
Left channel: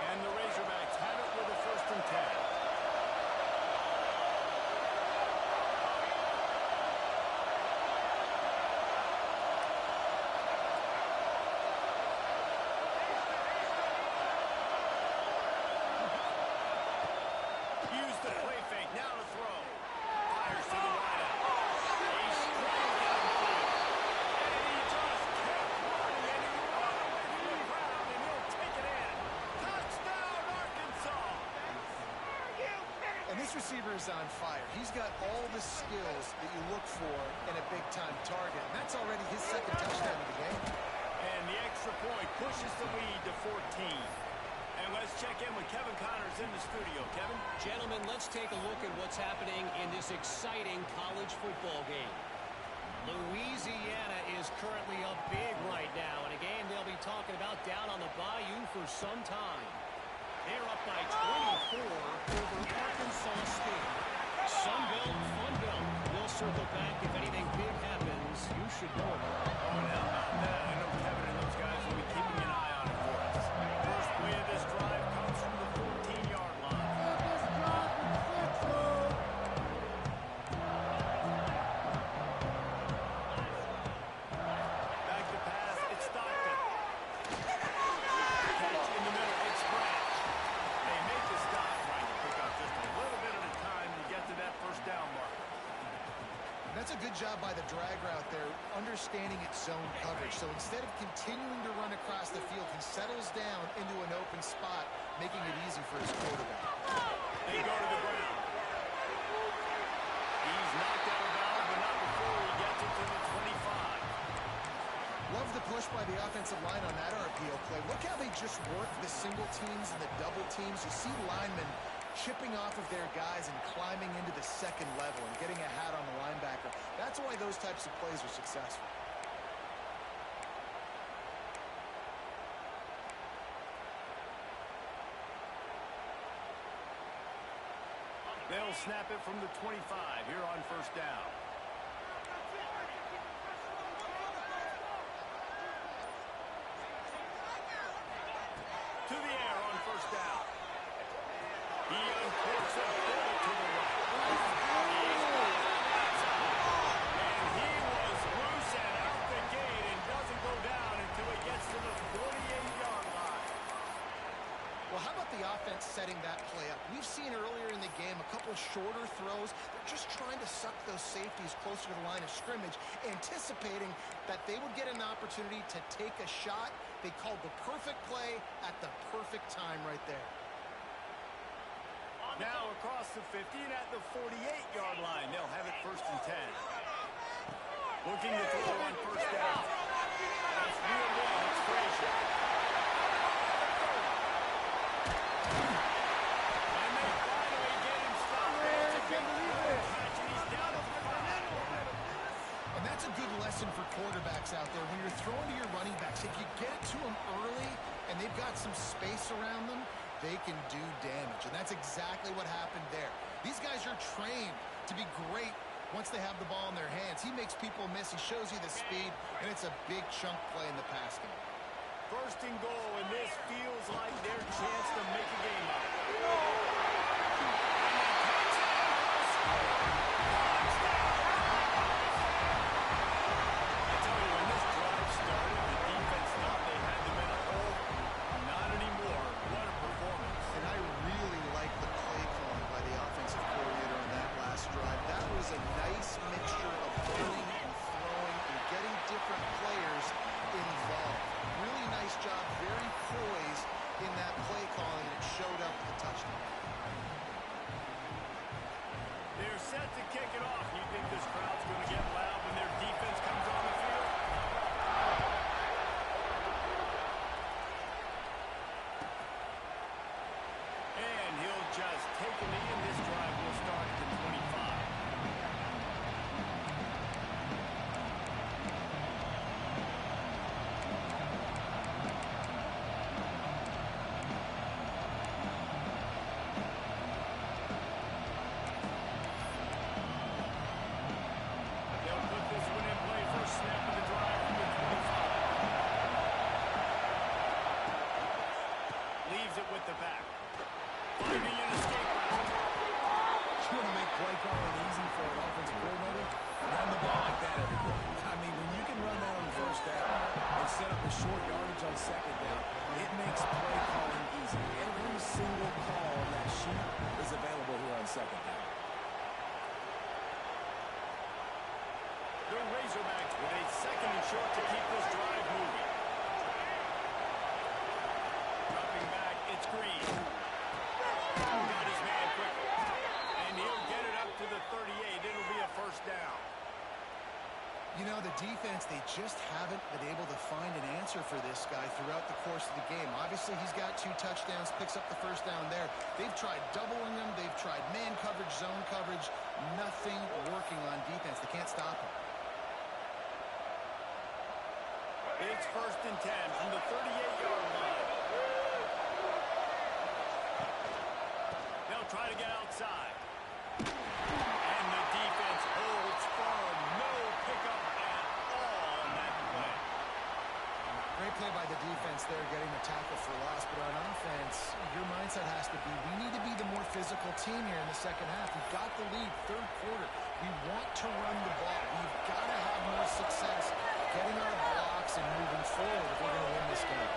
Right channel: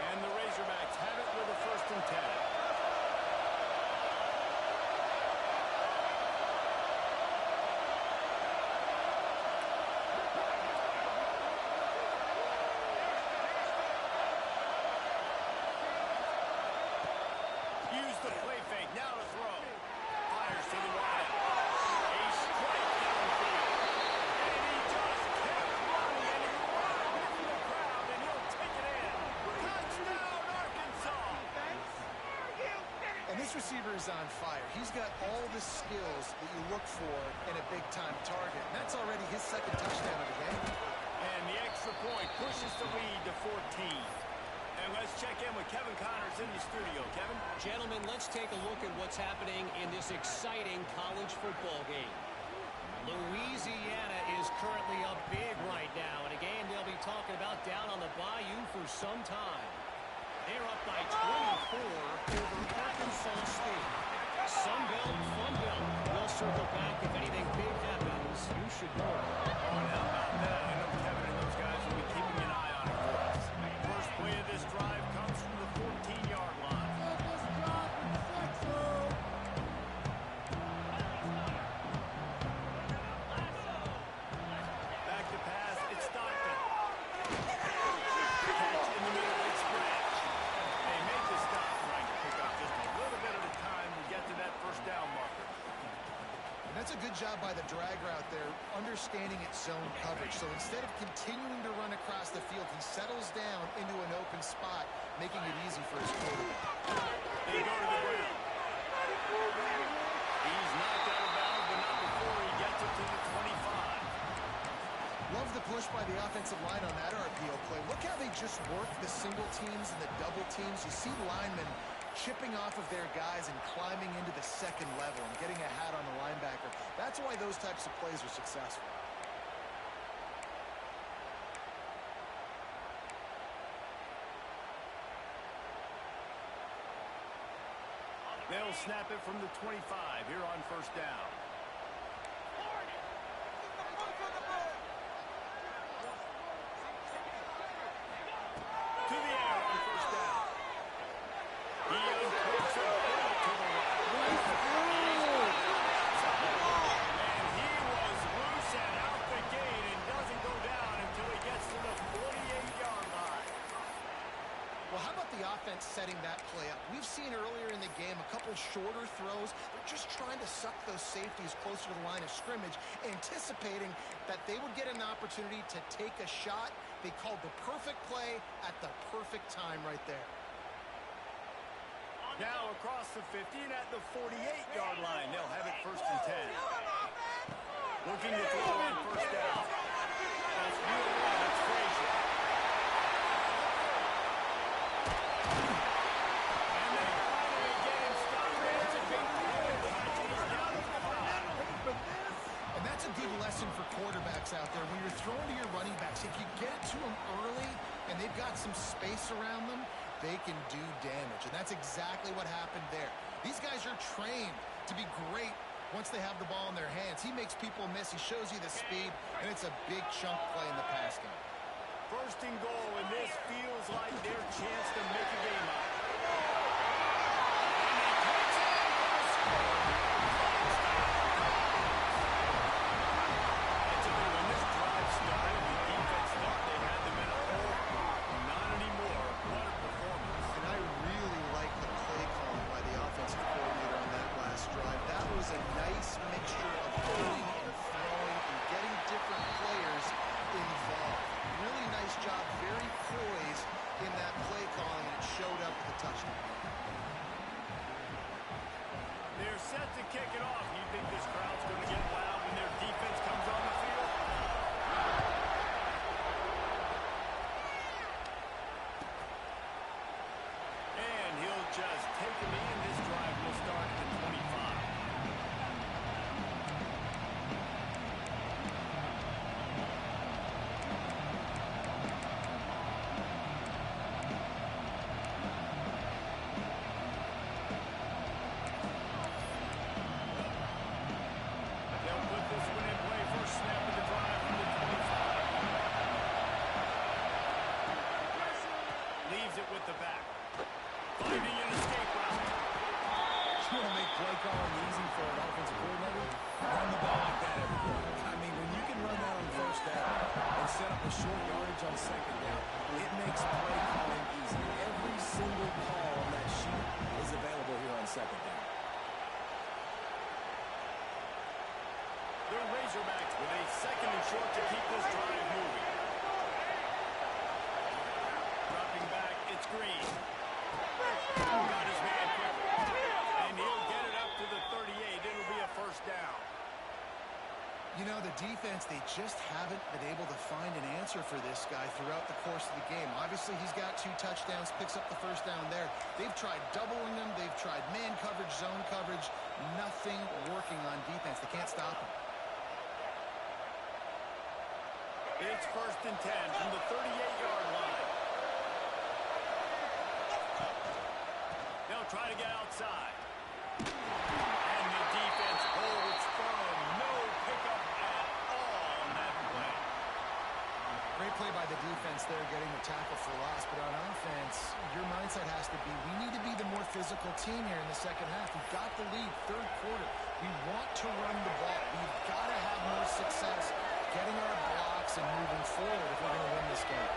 And the Razorbacks have it with a first and 10. Use the play fake. Now to throw. Fires to the wideout. A strike downfield. And he just kept running, and he ran away from the crowd, and he'll take it in. Touchdown, Arkansas! And this receiver is on fire. He's got all the skills that you look for in a big-time target. And that's already his second touchdown of the game. And the extra point pushes the lead to 14. And let's check in with Kevin Connors in the studio. Kevin? Gentlemen, let's take a look at what's happening in this exciting college football game. Louisiana is currently up big right now in a game they'll be talking about down on the Bayou for some time. They're up by 24 over Arkansas State. Sunbelt, Funbelt. We'll circle back if anything big happens. You should know about it. Oh, and how about that? I know Kevin and those guys will be keeping an eye on it for us. First play of this drive comes from the 14-yard line. Back to pass, it's Stockton. Catch in the middle, it's Branch. They make the stop, trying to pick up just a little bit at a time to get to that first down marker. That's a good job by the drag route there, understanding its zone coverage. So instead of continuing to run across the field, he settles down into an open spot, making it easy for his quarterback. They go to the ground. He's knocked out of bounds, but not before he gets it to the 25. Love the push by the offensive line on that RPO play. Look how they just work the single teams and the double teams. You see linemen chipping off of their guys and climbing into the second level and getting a hat on the linebacker. That's why those types of plays are successful. They'll snap it from the 25 here on first down. To the air on first down. He uncorks it to the right. He's got it on the outside. And he was loose and out the gate and doesn't go down until he gets to the 48-yard line. Well, how about the offense setting that play up? We've seen earlier in the game a couple shorter throws. They're just trying to suck those safeties closer to the line of scrimmage, anticipating that they would get an opportunity to take a shot. They called the perfect play at the perfect time right there. Now across the 50 and at the 48-yard line. They'll have it first and 10. Looking to throw on first down. That's real one. It's Frazier. And they finally get him stopped. It's a big catch, and he's down to the 5. And that's a good lesson for quarterbacks out there. When you're throwing to your running backs, if you get it to them early and they've got some space around them, they can do damage. And that's exactly what happened there. These guys are trained to be great once they have the ball in their hands. He makes people miss. He shows you the speed, and it's a big chunk play in the pass game. First and goal, and this feels like their chance to make a game out of it. And he takes it in for the score. Touchdown! I tell you, when this drive started, the defense thought they had them in a hole. Not anymore. What a performance. And I really like the play calling by the offensive coordinator on that last drive. That was a nice mixture of running and throwing and getting different players involved. Really nice job, very poised in that play calling, and it showed up with the touchdown. They're set to kick it off. You think this crowd's going to get loud when their defense comes on the field? And he'll just take a knee, and this drive will start at the 25. They'll put this one in play. First snap of the drive from the 25. Leaves it with the back. Finding an escape route. You want to make play calling easy for an offensive coordinator? Run the ball like that every play. I mean, when you can run that on first down and set up a short yardage on second down, it makes play calling easy. Every single call on that sheet is available here on second down. The Razorbacks with a second and short to keep this drive moving. Dropping back, it's Green. Got his man quickly. And he'll get it up to the 38. It'll be a first down. You know, the defense, they just haven't been able to find an answer for this guy throughout the course of the game. Obviously, he's got 2 touchdowns, picks up the first down there. They've tried doubling him. They've tried man coverage, zone coverage. Nothing working on defense. They can't stop him. It's 1st and 10 from the 38-yard line. They'll try to get outside. And the defense holds firm. No pickup at all on that play. Great play by the defense there, getting the tackle for loss. But on offense, your mindset has to be, we need to be the more physical team here in the second half. We've got the lead, third quarter. We want to run the ball. We've got to have more success getting our blocks and moving forward if we're going to win this game.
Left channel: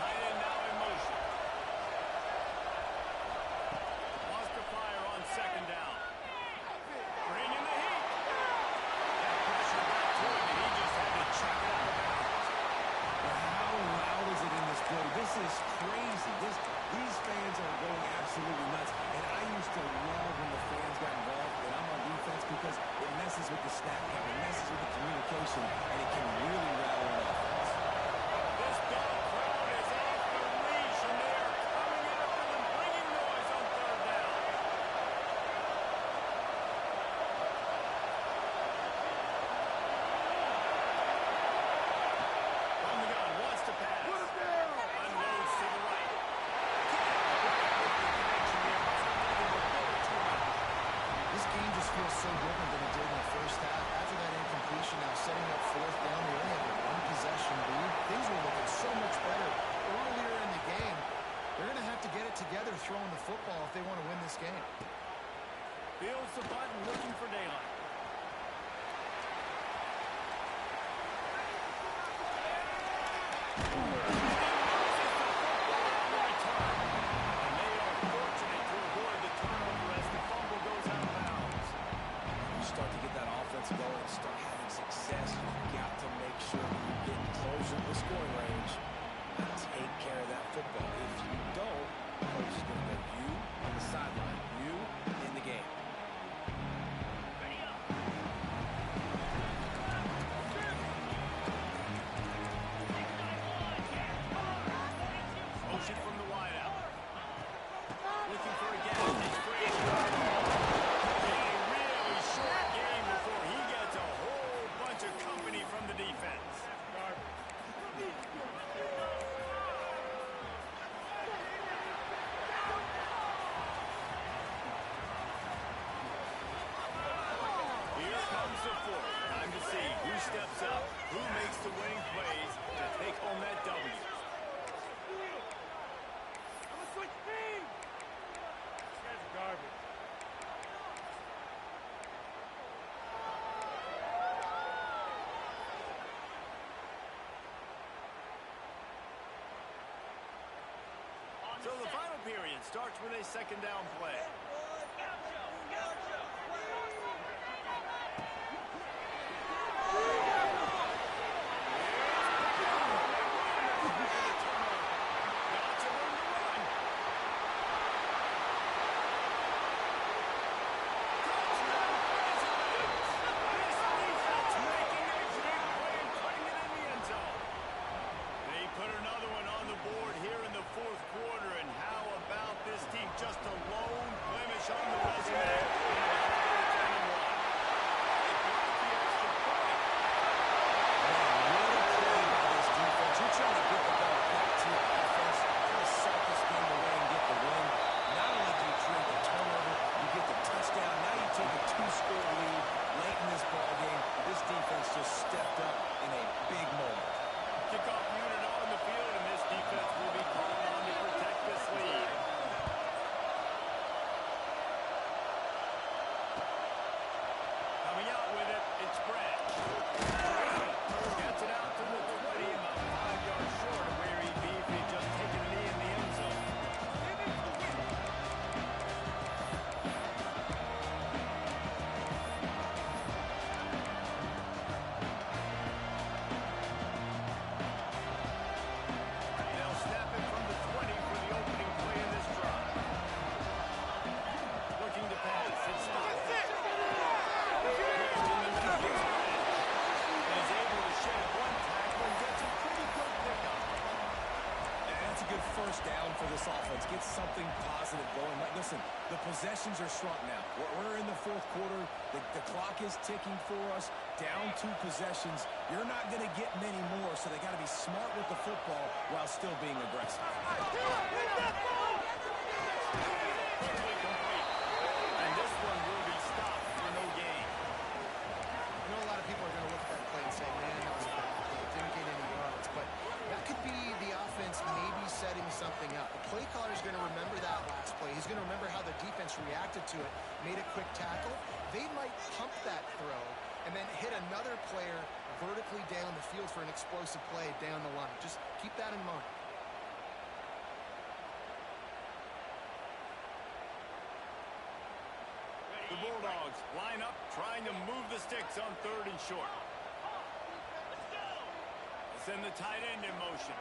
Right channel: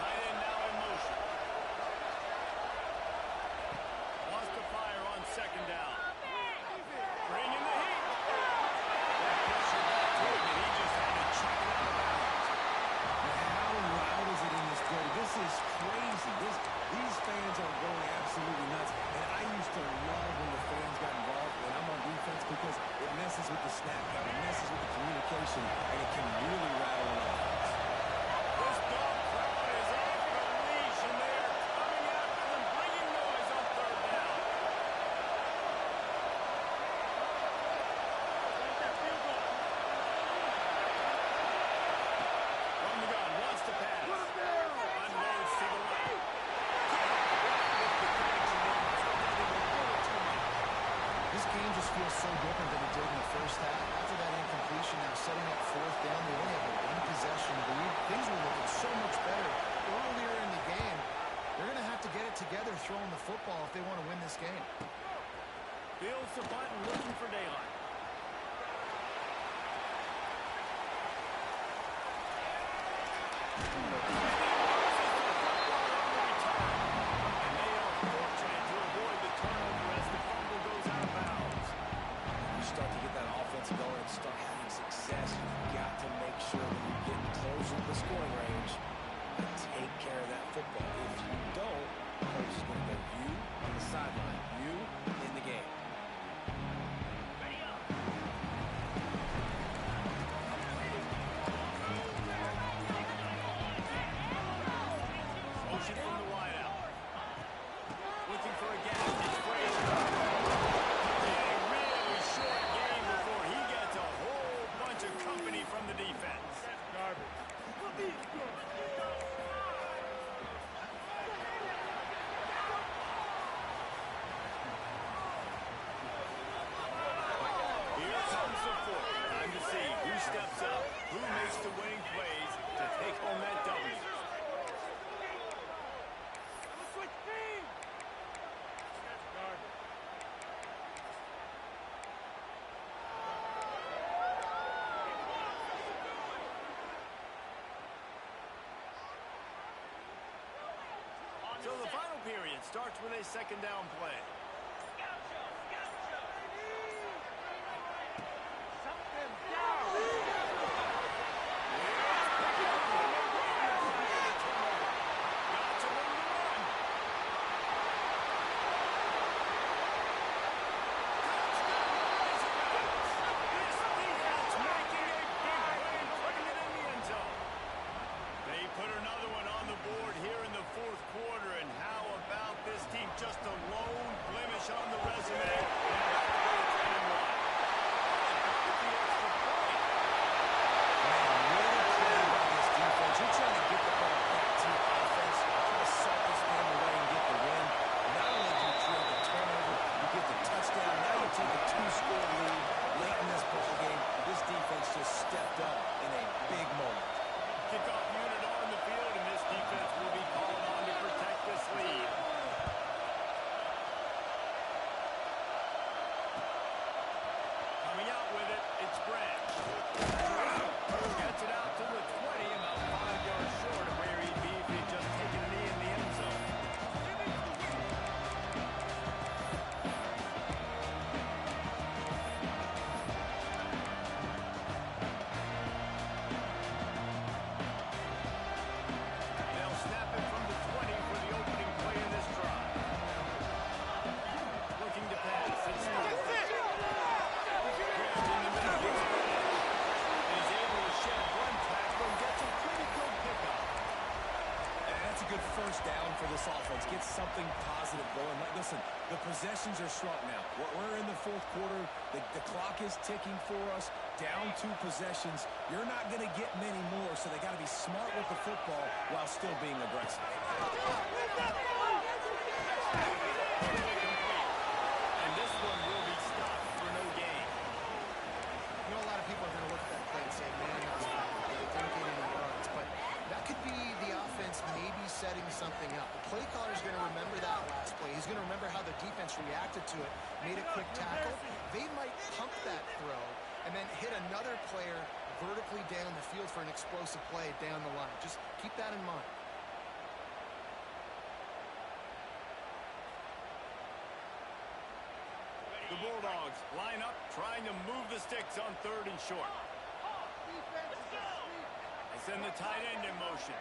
Tight end now in motion. Wants to fire on 2nd down. Bringing the heat. That pressure got to him, and he just had to chuck it out of bounds. But how loud is it in this building? This is crazy. These fans are going absolutely nuts. And I used to love when the fans got involved, and I'm on defense, because it messes with the snap count, it messes with the communication, and it can really rattle an offense. This dog crowd is off the leash, and they are coming after them, bringing noise on 3rd down. From the gun, wants to pass. Unloads to the right. Can't quite make the connection there. Must have done him a little too much. This game just feels so different than it did in the first half. After that incompletion, now setting up 4th down, they only have a 1-possession lead. Things were looking so much better earlier in the game. They're going to have to get it together throwing the football if they want to win this game. Fields the button, looking for daylight. Going and start having success, you've got to make sure that you get closer to the scoring range and take care of that football. If you don't, coach is going to go you on the sideline, you in the game. Motion from the wideout. Looking for a gap. It's Frazier. A really short game before he gets a whole bunch of company from the defense. Here comes the 4th. Time to see who steps up, who makes the winning plays to take home that W. So the final period starts with a 2nd down play. Just a lone blemish on the resume. And about to go 10-1. They blocked the extra point. Man, what a play by this defense. You're trying to get the ball back to your offense, trying to salt this game away and get the win. Not only do you create the turnover, you get the touchdown. Now you take a 2-score lead late in this ball game. This defense just stepped up in a big moment. Kickoff unit on the field, and this defense will be called on to protect this lead. Coming out with it, it's Branch. Gets it out to the 20, about 5 yards short of where he'd be if he'd just taken a knee in the end zone. They'll snap it from the 20 for the opening play in this drive. Looking to pass, it's stopped. In the middle, gets Branch. And good first down for this offense. Get something positive going. Like, listen, the possessions are shrunk now. We're in the fourth quarter. The clock is ticking for us. Down 2 possessions. You're not going to get many more, so they got to be smart with the football while still being aggressive. And this one will be stopped for no gain. You know, a lot of people are going to look at that play and say, man, that was a bad play. It didn't get any yards. But that could be the offense maybe setting something up. The play caller is going to remember that last play. He's going to remember how the defense reacted to it, made a quick tackle. They might pump that throw and then hit another player vertically down the field for an explosive play down the line. Just keep that in mind. The Bulldogs line up, trying to move the sticks on 3rd and short. They send the tight end in motion.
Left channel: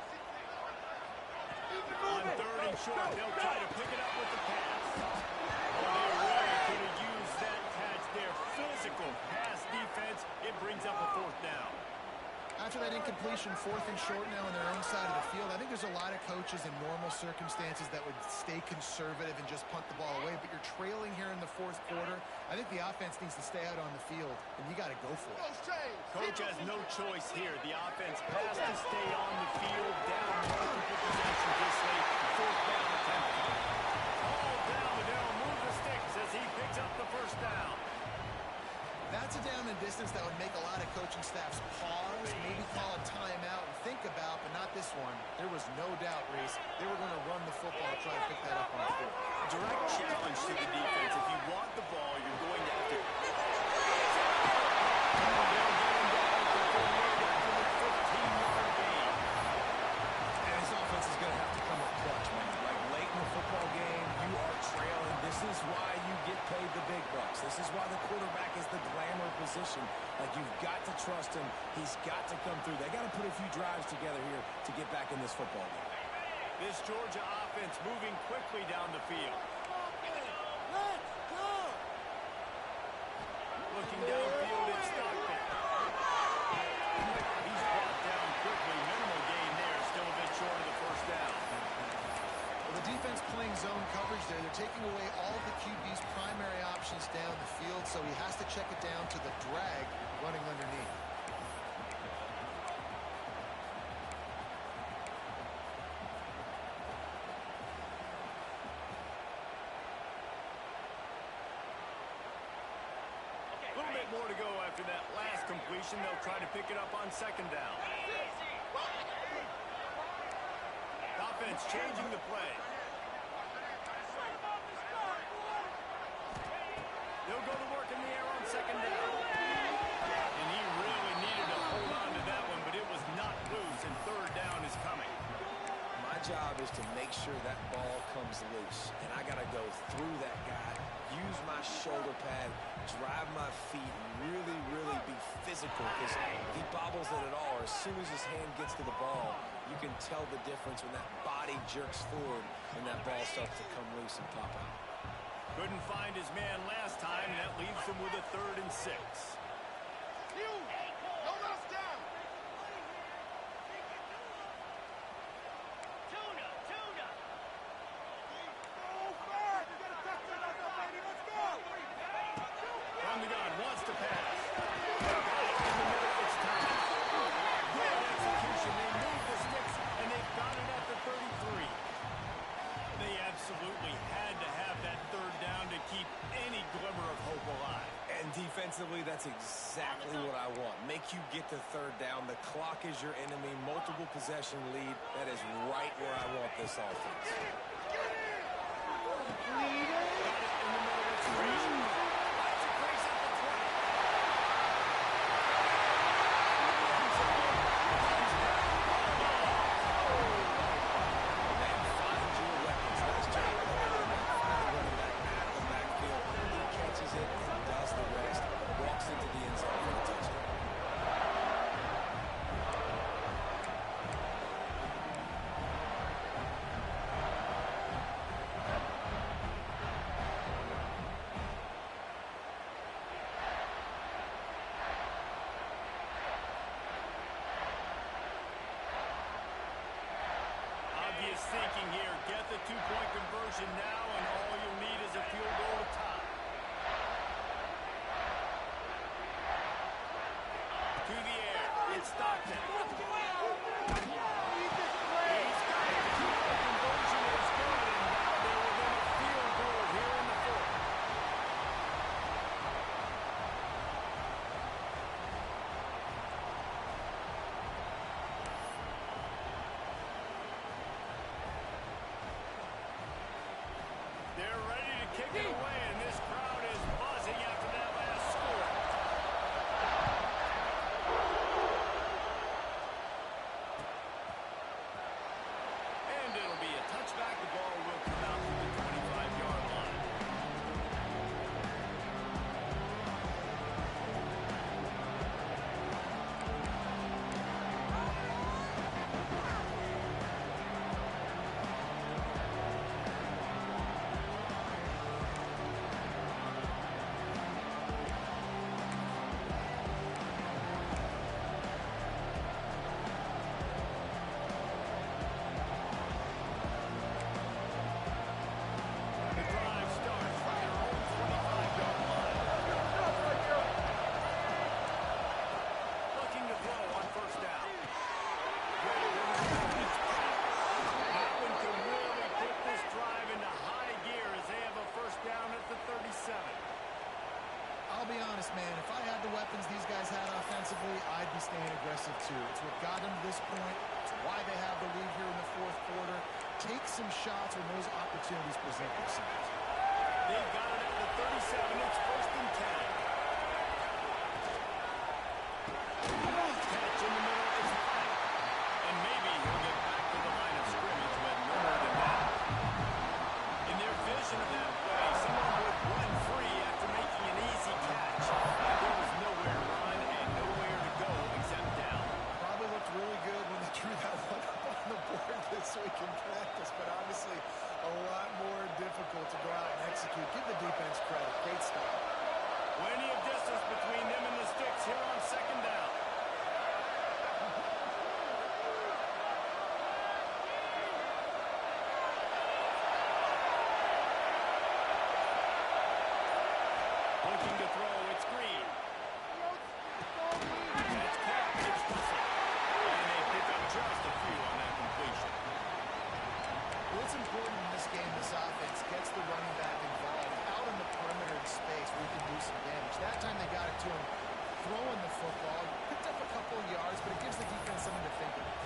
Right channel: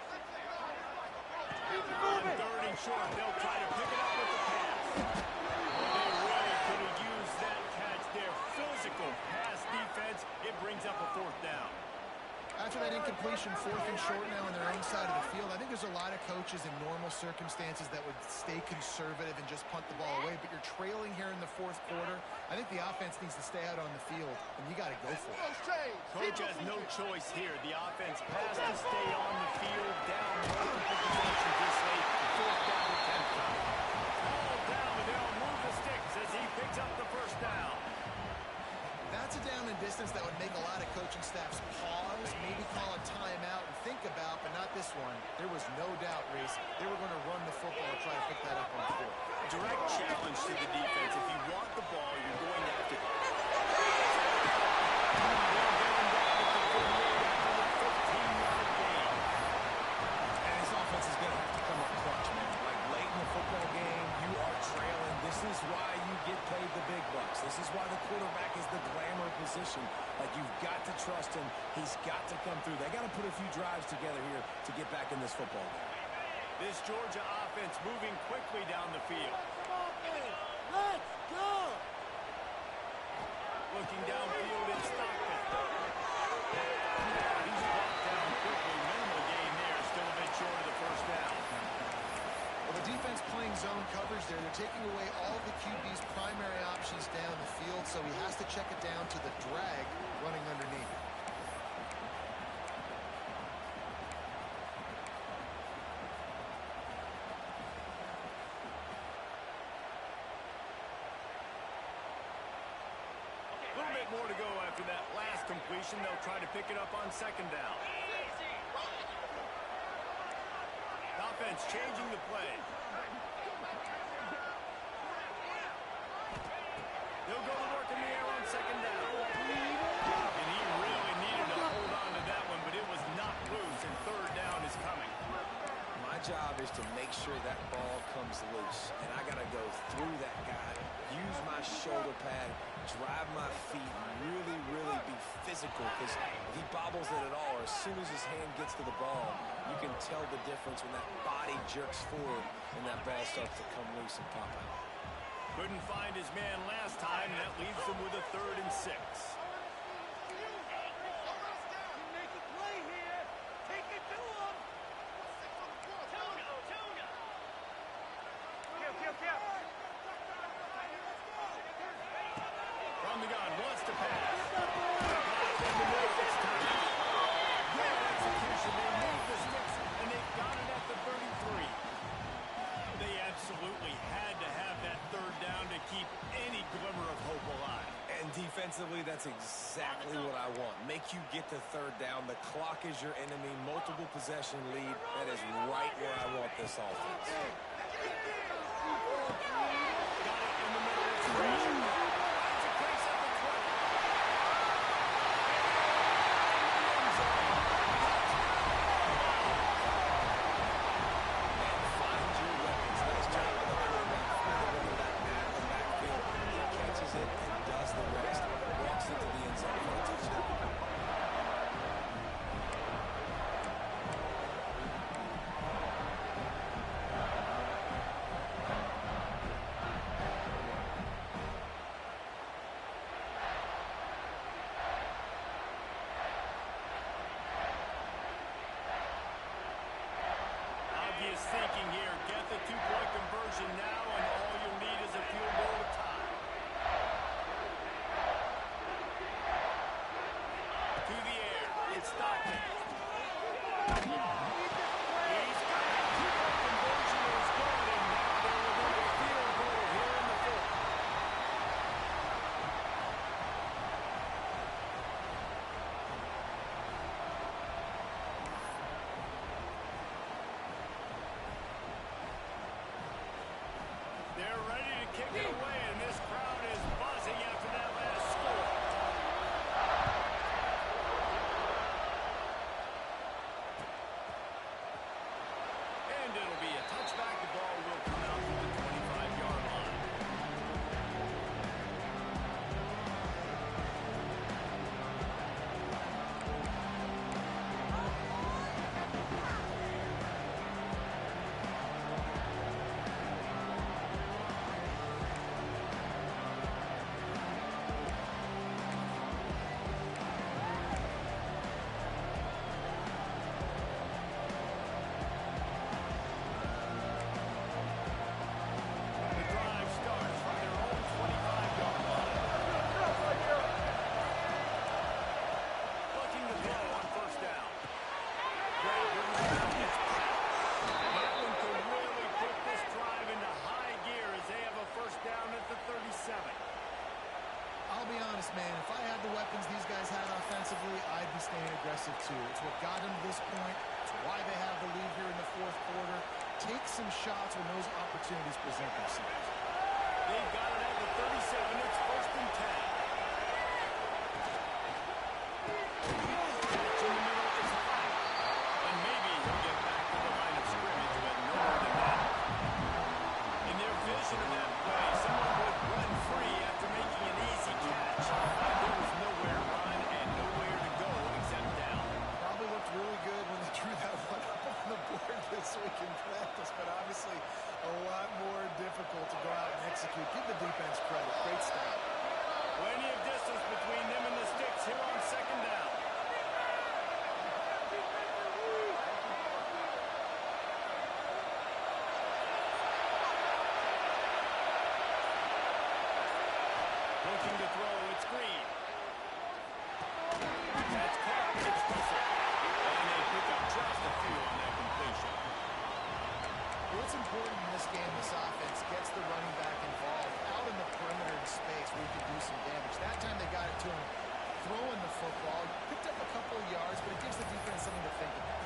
On 3rd and short, they'll try to pick it up with the pass. Oh, they really could have used that catch there. Physical pass defense. It brings up a 4th down. After that incompletion, 4th and short now on their own side of the field, I think there's a lot of coaches in normal circumstances that would stay conservative and just punt the ball away, but you're trailing here in the 4th quarter. I think the offense needs to stay out on the field, and you got to go for it. Coach has no choice here. The offense has to stay on the field, down multiple possessions this late. 4th down attempt coming. All down, but they'll move the sticks as he picks up the 1st down. That's a down and distance that would make a lot of coaching staffs pause, maybe call a timeout and think about, but not this one. There was no doubt, Reese, they were going to run the football and try to pick that up on the field. Direct challenge to the defense. If you want the ball, you're going to have to... They'll get him down at the 48 after the 15-yard gain. And this offense is going to have to come up clutch, man. Like, late in the football game, you are trailing. This is why you get paid the big bucks. This is why the quarterback is the glamour position. Like, you've got to trust him. He's got to come through. They got to put a few drives together here to get back in this football game. This Georgia offense moving quickly down the field. Let's go! Looking downfield in Stockton. He's brought down quickly. Minimal gain there. Still a bit short of the 1st down. Well, the defense playing zone coverage there. They're taking away all the QB's primary options down the field, so he has to check it down to the drag running underneath. A little bit more to go after that last completion. They'll try to pick it up on 2nd down. The offense changing the play. They'll go to work in the air on 2nd down. And he really needed to hold on to that one, but it was not loose, and 3rd down is coming. My job is to make sure that ball comes loose, and I got to go through that guy, use my shoulder pad, drive my feet, and really, really be physical, because if he bobbles it at all, or as soon as his hand gets to the ball, you can tell the difference when that body jerks forward and that ball starts to come loose and pop out. Couldn't find his man last time, and that leaves him with a 3rd and 6. From the gun, wants to pass. Got it in the middle, it's time. Good execution. They move the sticks, and they've got it at the 33. They absolutely had to have that 3rd down to keep any glimmer of hope alive. And defensively, that's exactly what I want. Make you get to 3rd down. The clock is your enemy. Multiple possession lead. That is right where I want this offense. Got it in the middle, it's Frazier. Finds a crease at the 20. Man, find your weapons. Nice job of the quarterback. The running back out of the backfield. He catches it and does the rest. Walks into the end zone for a touchdown. thinking here. Get the two-point conversion now, and all you'll need is a field goal to tie. To the air. It's Stockton. He's got it. Two-point conversion is good, and now they're within a field goal here in the fourth. They're ready to kick it away, and this crowd is buzzing after that last score. And it'll be a touchback. The ball will come out to the 25-yard line. The drive starts from their own 25-yard line. Looking to throw on first down. Grabbed in the middle. It's packed. That one could really put this drive into high gear as they have a first down at the 37. I'll be honest, man. If I had the weapons these guys had offensively, I'd be staying aggressive too. It's what got them to this point. It's why they have the lead here in the fourth quarter. Take some shots when those opportunities present themselves. They've got it at the 37. It's first and 10. Catch in the middle. It's flat. And maybe he'll get back to the line of scrimmage with no more than that. In their vision of that play, someone would run free after making an easy catch. There was nowhere to run and nowhere to go except down. Probably looked really good when they drew that one up on the board this week in practice, but obviously a lot more difficult to go out and execute. Give the defense credit. Great style. Plenty of distance between them and the sticks here on second down. Looking to throw, it's Green. That's caught, it's Russell. And they pick up just a few on that completion. What's important in this game, this offense gets the running back involved out in the perimeter space where he can do some damage. That time they got it to him throwing the football. Picked up a couple of yards, but it gives the defense something to think about.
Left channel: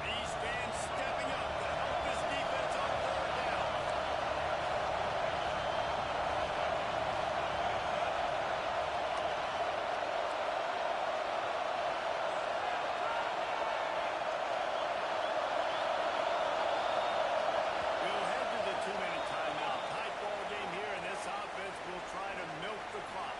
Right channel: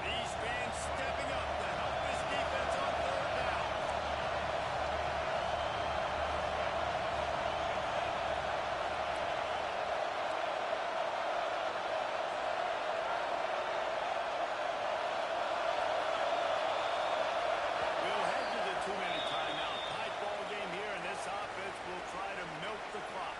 These fans stepping up to help this defense on third down. We'll head to the 2-minute timeout. Tight ball game here, and this offense will try to milk the clock.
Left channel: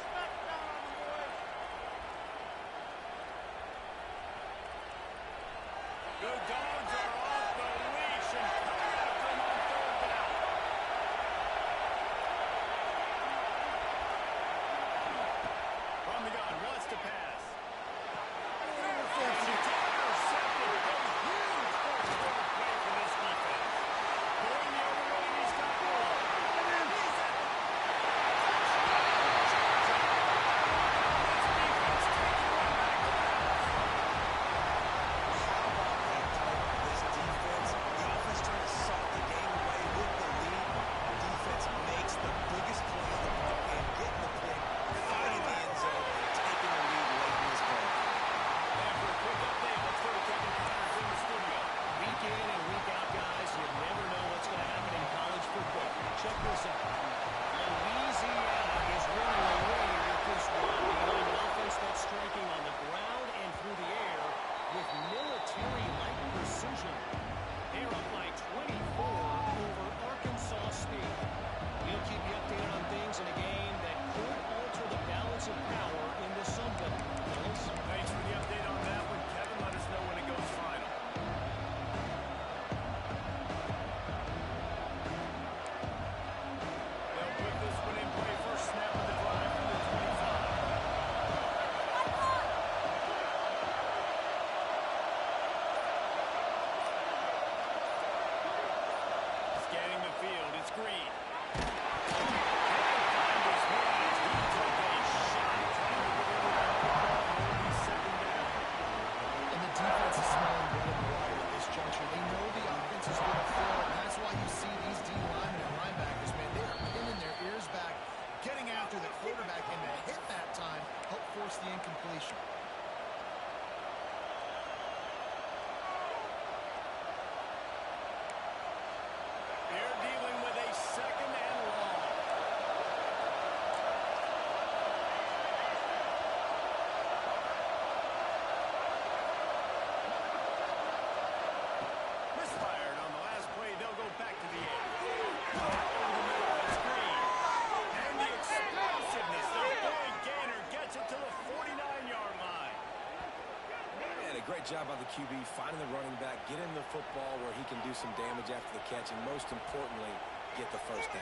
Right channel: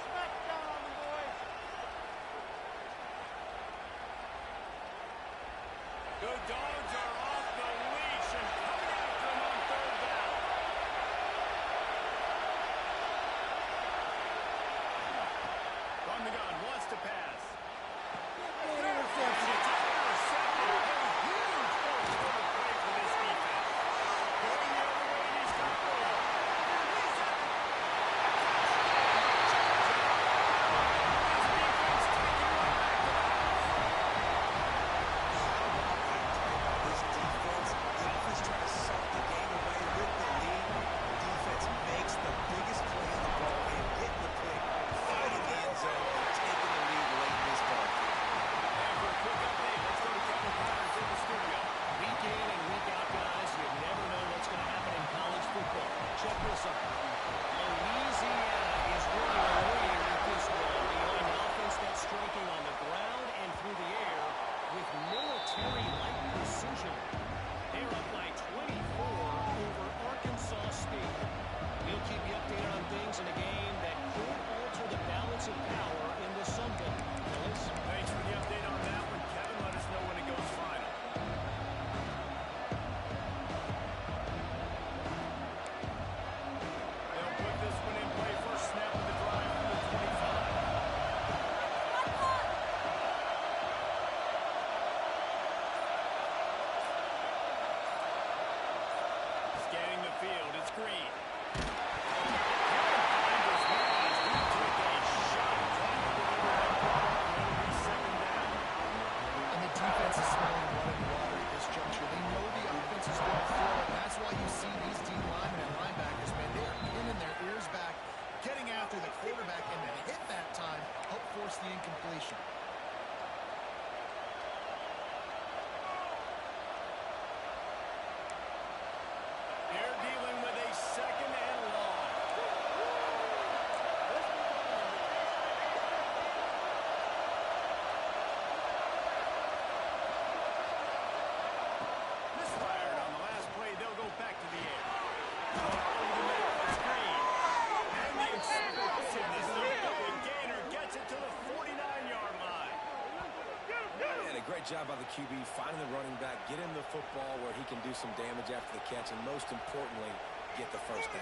Smack down on them, boys. The Dogs are off the leash and coming after him on third down. From the gun, wants to pass. Interception. It's intercepted. A huge fourth-quarter play for this defense. Going the other way, and he's got room. He's at the touchdown. This defense taking one back to the house. How about that play by this defense? The offense trying to suck the game away with the lead. The defense makes the biggest play in the ball game, getting the pick, finding the end zone, and taking the lead late in this ball game. And for a quick update, let's go to Kevin Connors in the studio. Week in and week out, guys, you never know what's going to happen in college football. Check this out. Louisiana is running away with this one behind an offense that's striking on the ground and through the air with military-like precision. They're up by 24 over Arkansas State. We'll keep you updated on things in a game that could alter the balance of power in the Sun Belt. Fellas? Thanks for the update on that one, Kevin. Let us know when it goes final. downfield. It's Green. Can't find his man as he took a shot trying to deliver that football, and it'll be second down. And the defense is smelling blood in the water at this juncture. They know the offense is going to throw it, and that's why you see these D linemen and linebackers, man, they are pinning their ears back, getting after the quarterback, and to hit that time, help force the incompletion. They're dealing with a second and long. Misfired on the last play. They'll go back to the air. Over the middle, it's Green. And the explosiveness, the big gainer gets it to the 49-yard line. And a great job by the QB finding the running back, get him the football where he can do some damage after the catch, and most importantly, get the first down.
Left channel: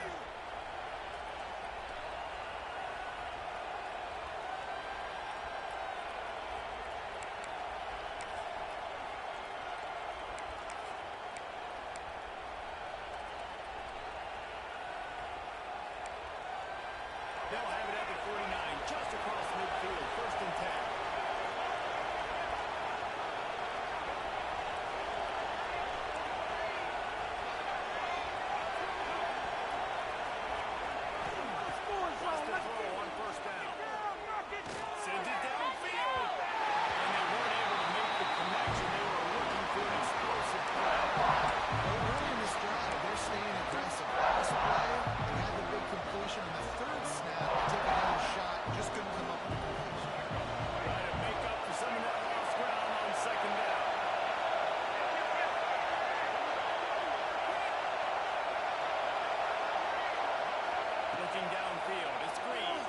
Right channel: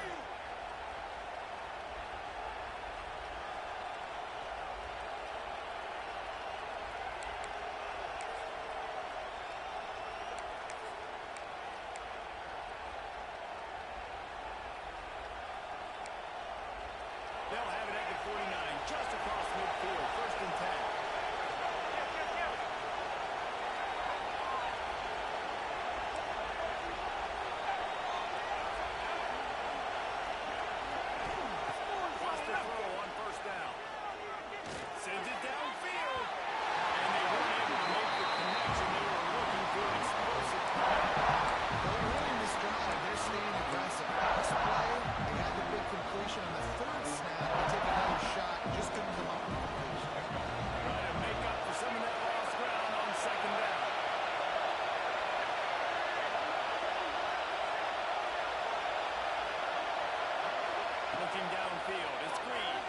They'll have it at the 49, just across midfield, first and 10. Wants to throw on first down. Sends it downfield. And they weren't able to make the connection. They were looking for an explosive play. Well, early in this drive, they're staying aggressive. This play, they had the big completion on the third snap. They take another shot, just couldn't come up with the completion. Trying to make up for some of that lost ground on second down. Looking downfield, it's Green.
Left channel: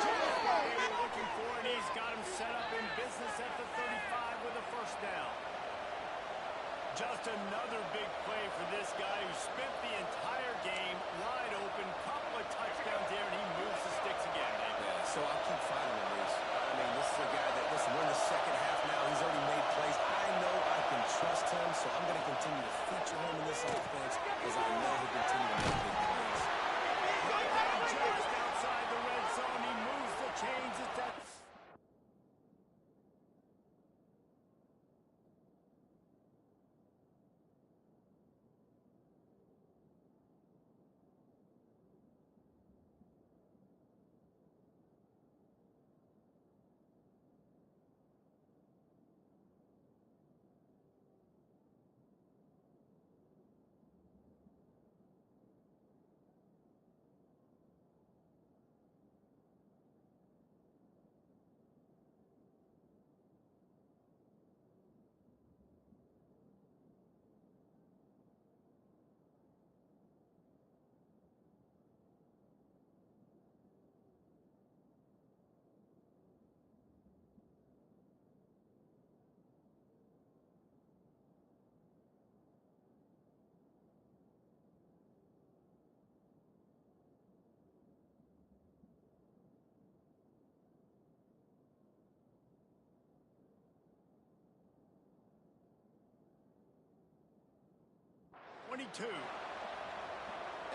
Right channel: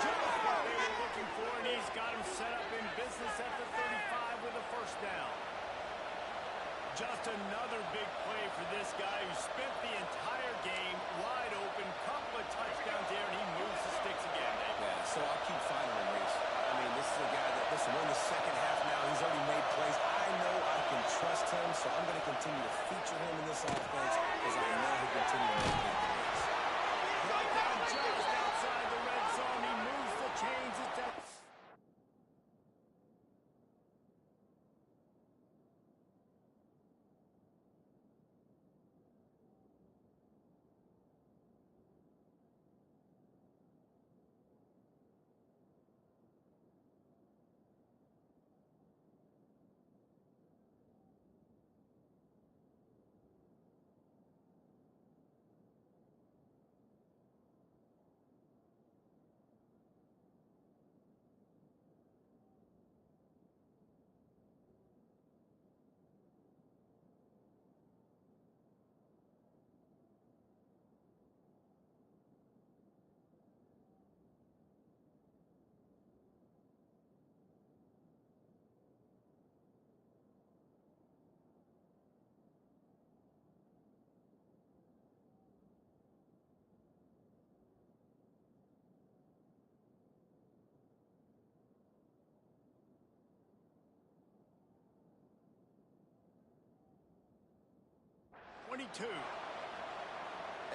Just what they were looking for, and he's got him set up in business at the 35 with a first down. Just another big play for this guy who spent the entire game wide open, couple of touchdowns there, and he moves the sticks again, Dave. Yeah, so I'll keep finding him, Reese. I mean, this is a guy that, listen, we're in the second half now. He's already made plays. I know I can trust him, so I'm going to continue to feature him in this offense because I know he'll continue to make big plays. Right down just outside the red zone. He moves the chains. It's that...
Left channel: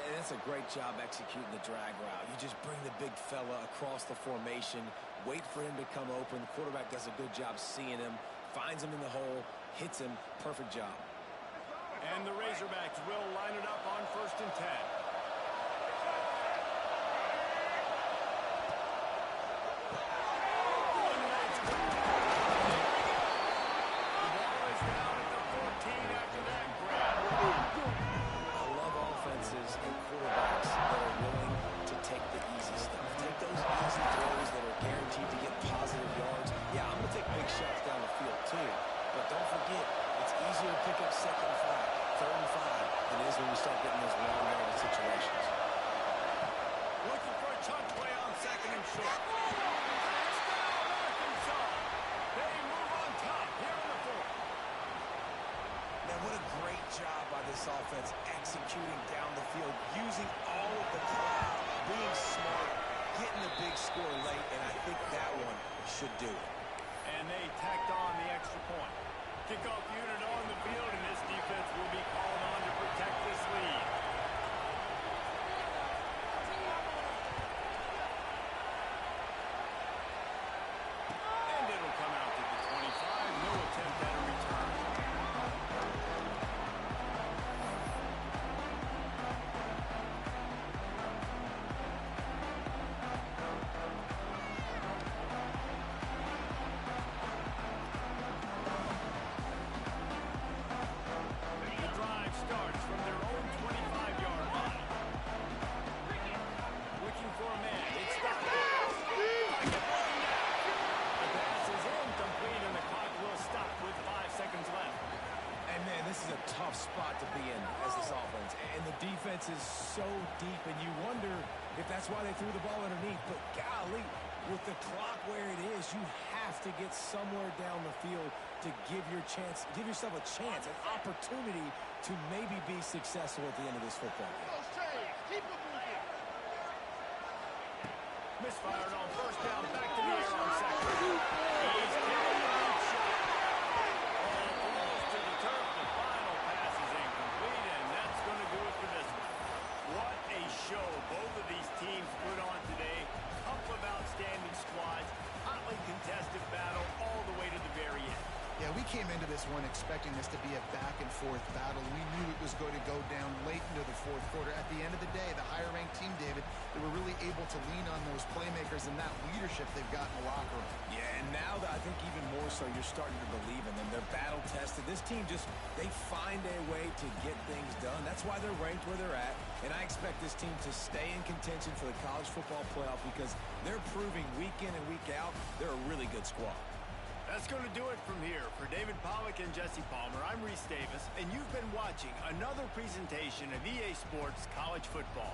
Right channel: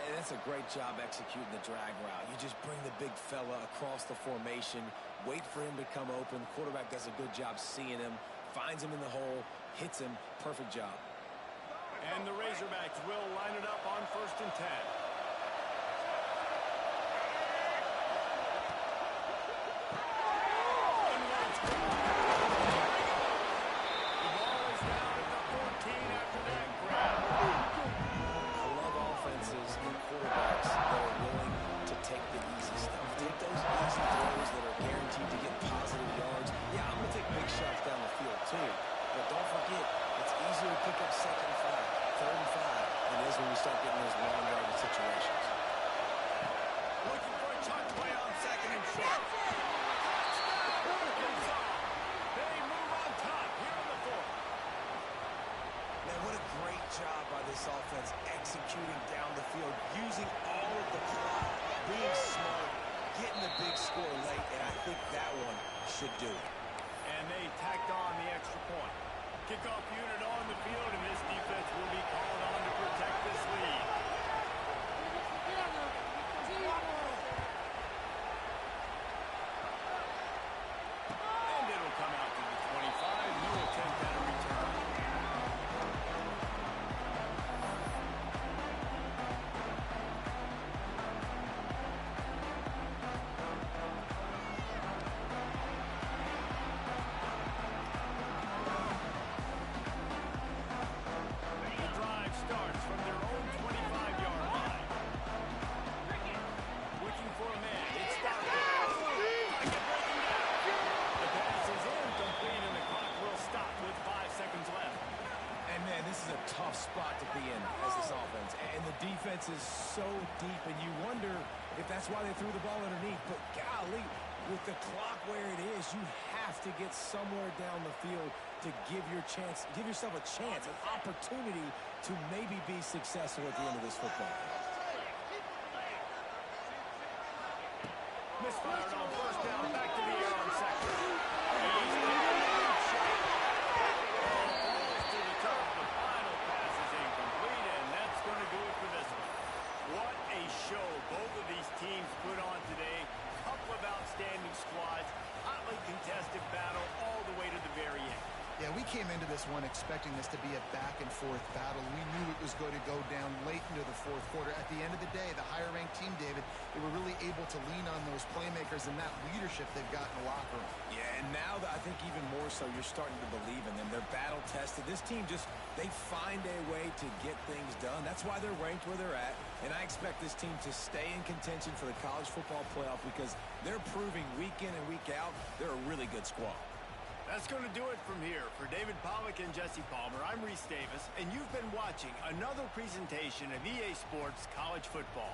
And that's a great job executing the drag route. You just bring the big fella across the formation, wait for him to come open. The quarterback does a good job seeing him, finds him in the hole, hits him. Perfect job. And the Razorbacks will line it up on first and 10. The ball is down at the 14 after that grab. I love offenses and quarterbacks that are willing to take the easy stuff. Take those easy throws that are guaranteed to get positive yards. Yeah, I'm going to take big shots down the field too. But don't forget, it's easier to pick up second and 5, third and 5 than it is when we start getting those long yardage situations. Looking for a chunk play on second and short. Touchdown, Arkansas! They move on top here in the fourth. Man, what a great job by this offense executing down the field, using all of the clock, being smart, getting the big score late, and I think that one should do it. And they tacked on the extra point. Kickoff unit on the field, and this defense will be called on to protect this lead. And it'll come out to the 25. No attempt at a return. Starts from their own 25-yard line. Looking for a man. It's stopped. Pocket breaking down. The pass is incomplete, and the clock will stop with 5 seconds left. And, man, this is a tough spot to be in as this offense. And the defense is so deep, and you wonder if that's why they threw the ball underneath. But, golly, with the clock where it is, you have to get somewhere down the field to give yourself a chance, an opportunity to maybe be successful at the end of this football game. Misfired on first down, back to the air on second. He's kicking the deep shot. Ball falls to the turf. The final pass is incomplete, and that's going to do it for this one. What a show both of these teams put on today. Couple of outstanding squads, hotly contested battle all the way to the very end. Yeah, we came into this one expecting this to be a back-and-forth battle. We knew it was going to go down late into the fourth quarter. At the end of the day, the higher-ranked team, David, they were really able to lean on those playmakers and that leadership they've got in the locker room. Yeah, and now I think even more so, you're starting to believe in them. They're battle-tested. This team they find a way to get things done. That's why they're ranked where they're at, and I expect this team to stay in contention for the college football playoff because they're proving week in and week out they're a really good squad. That's going to do it from here. For David Pollack and Jesse Palmer, I'm Reese Davis, and you've been watching another presentation of EA Sports College Football.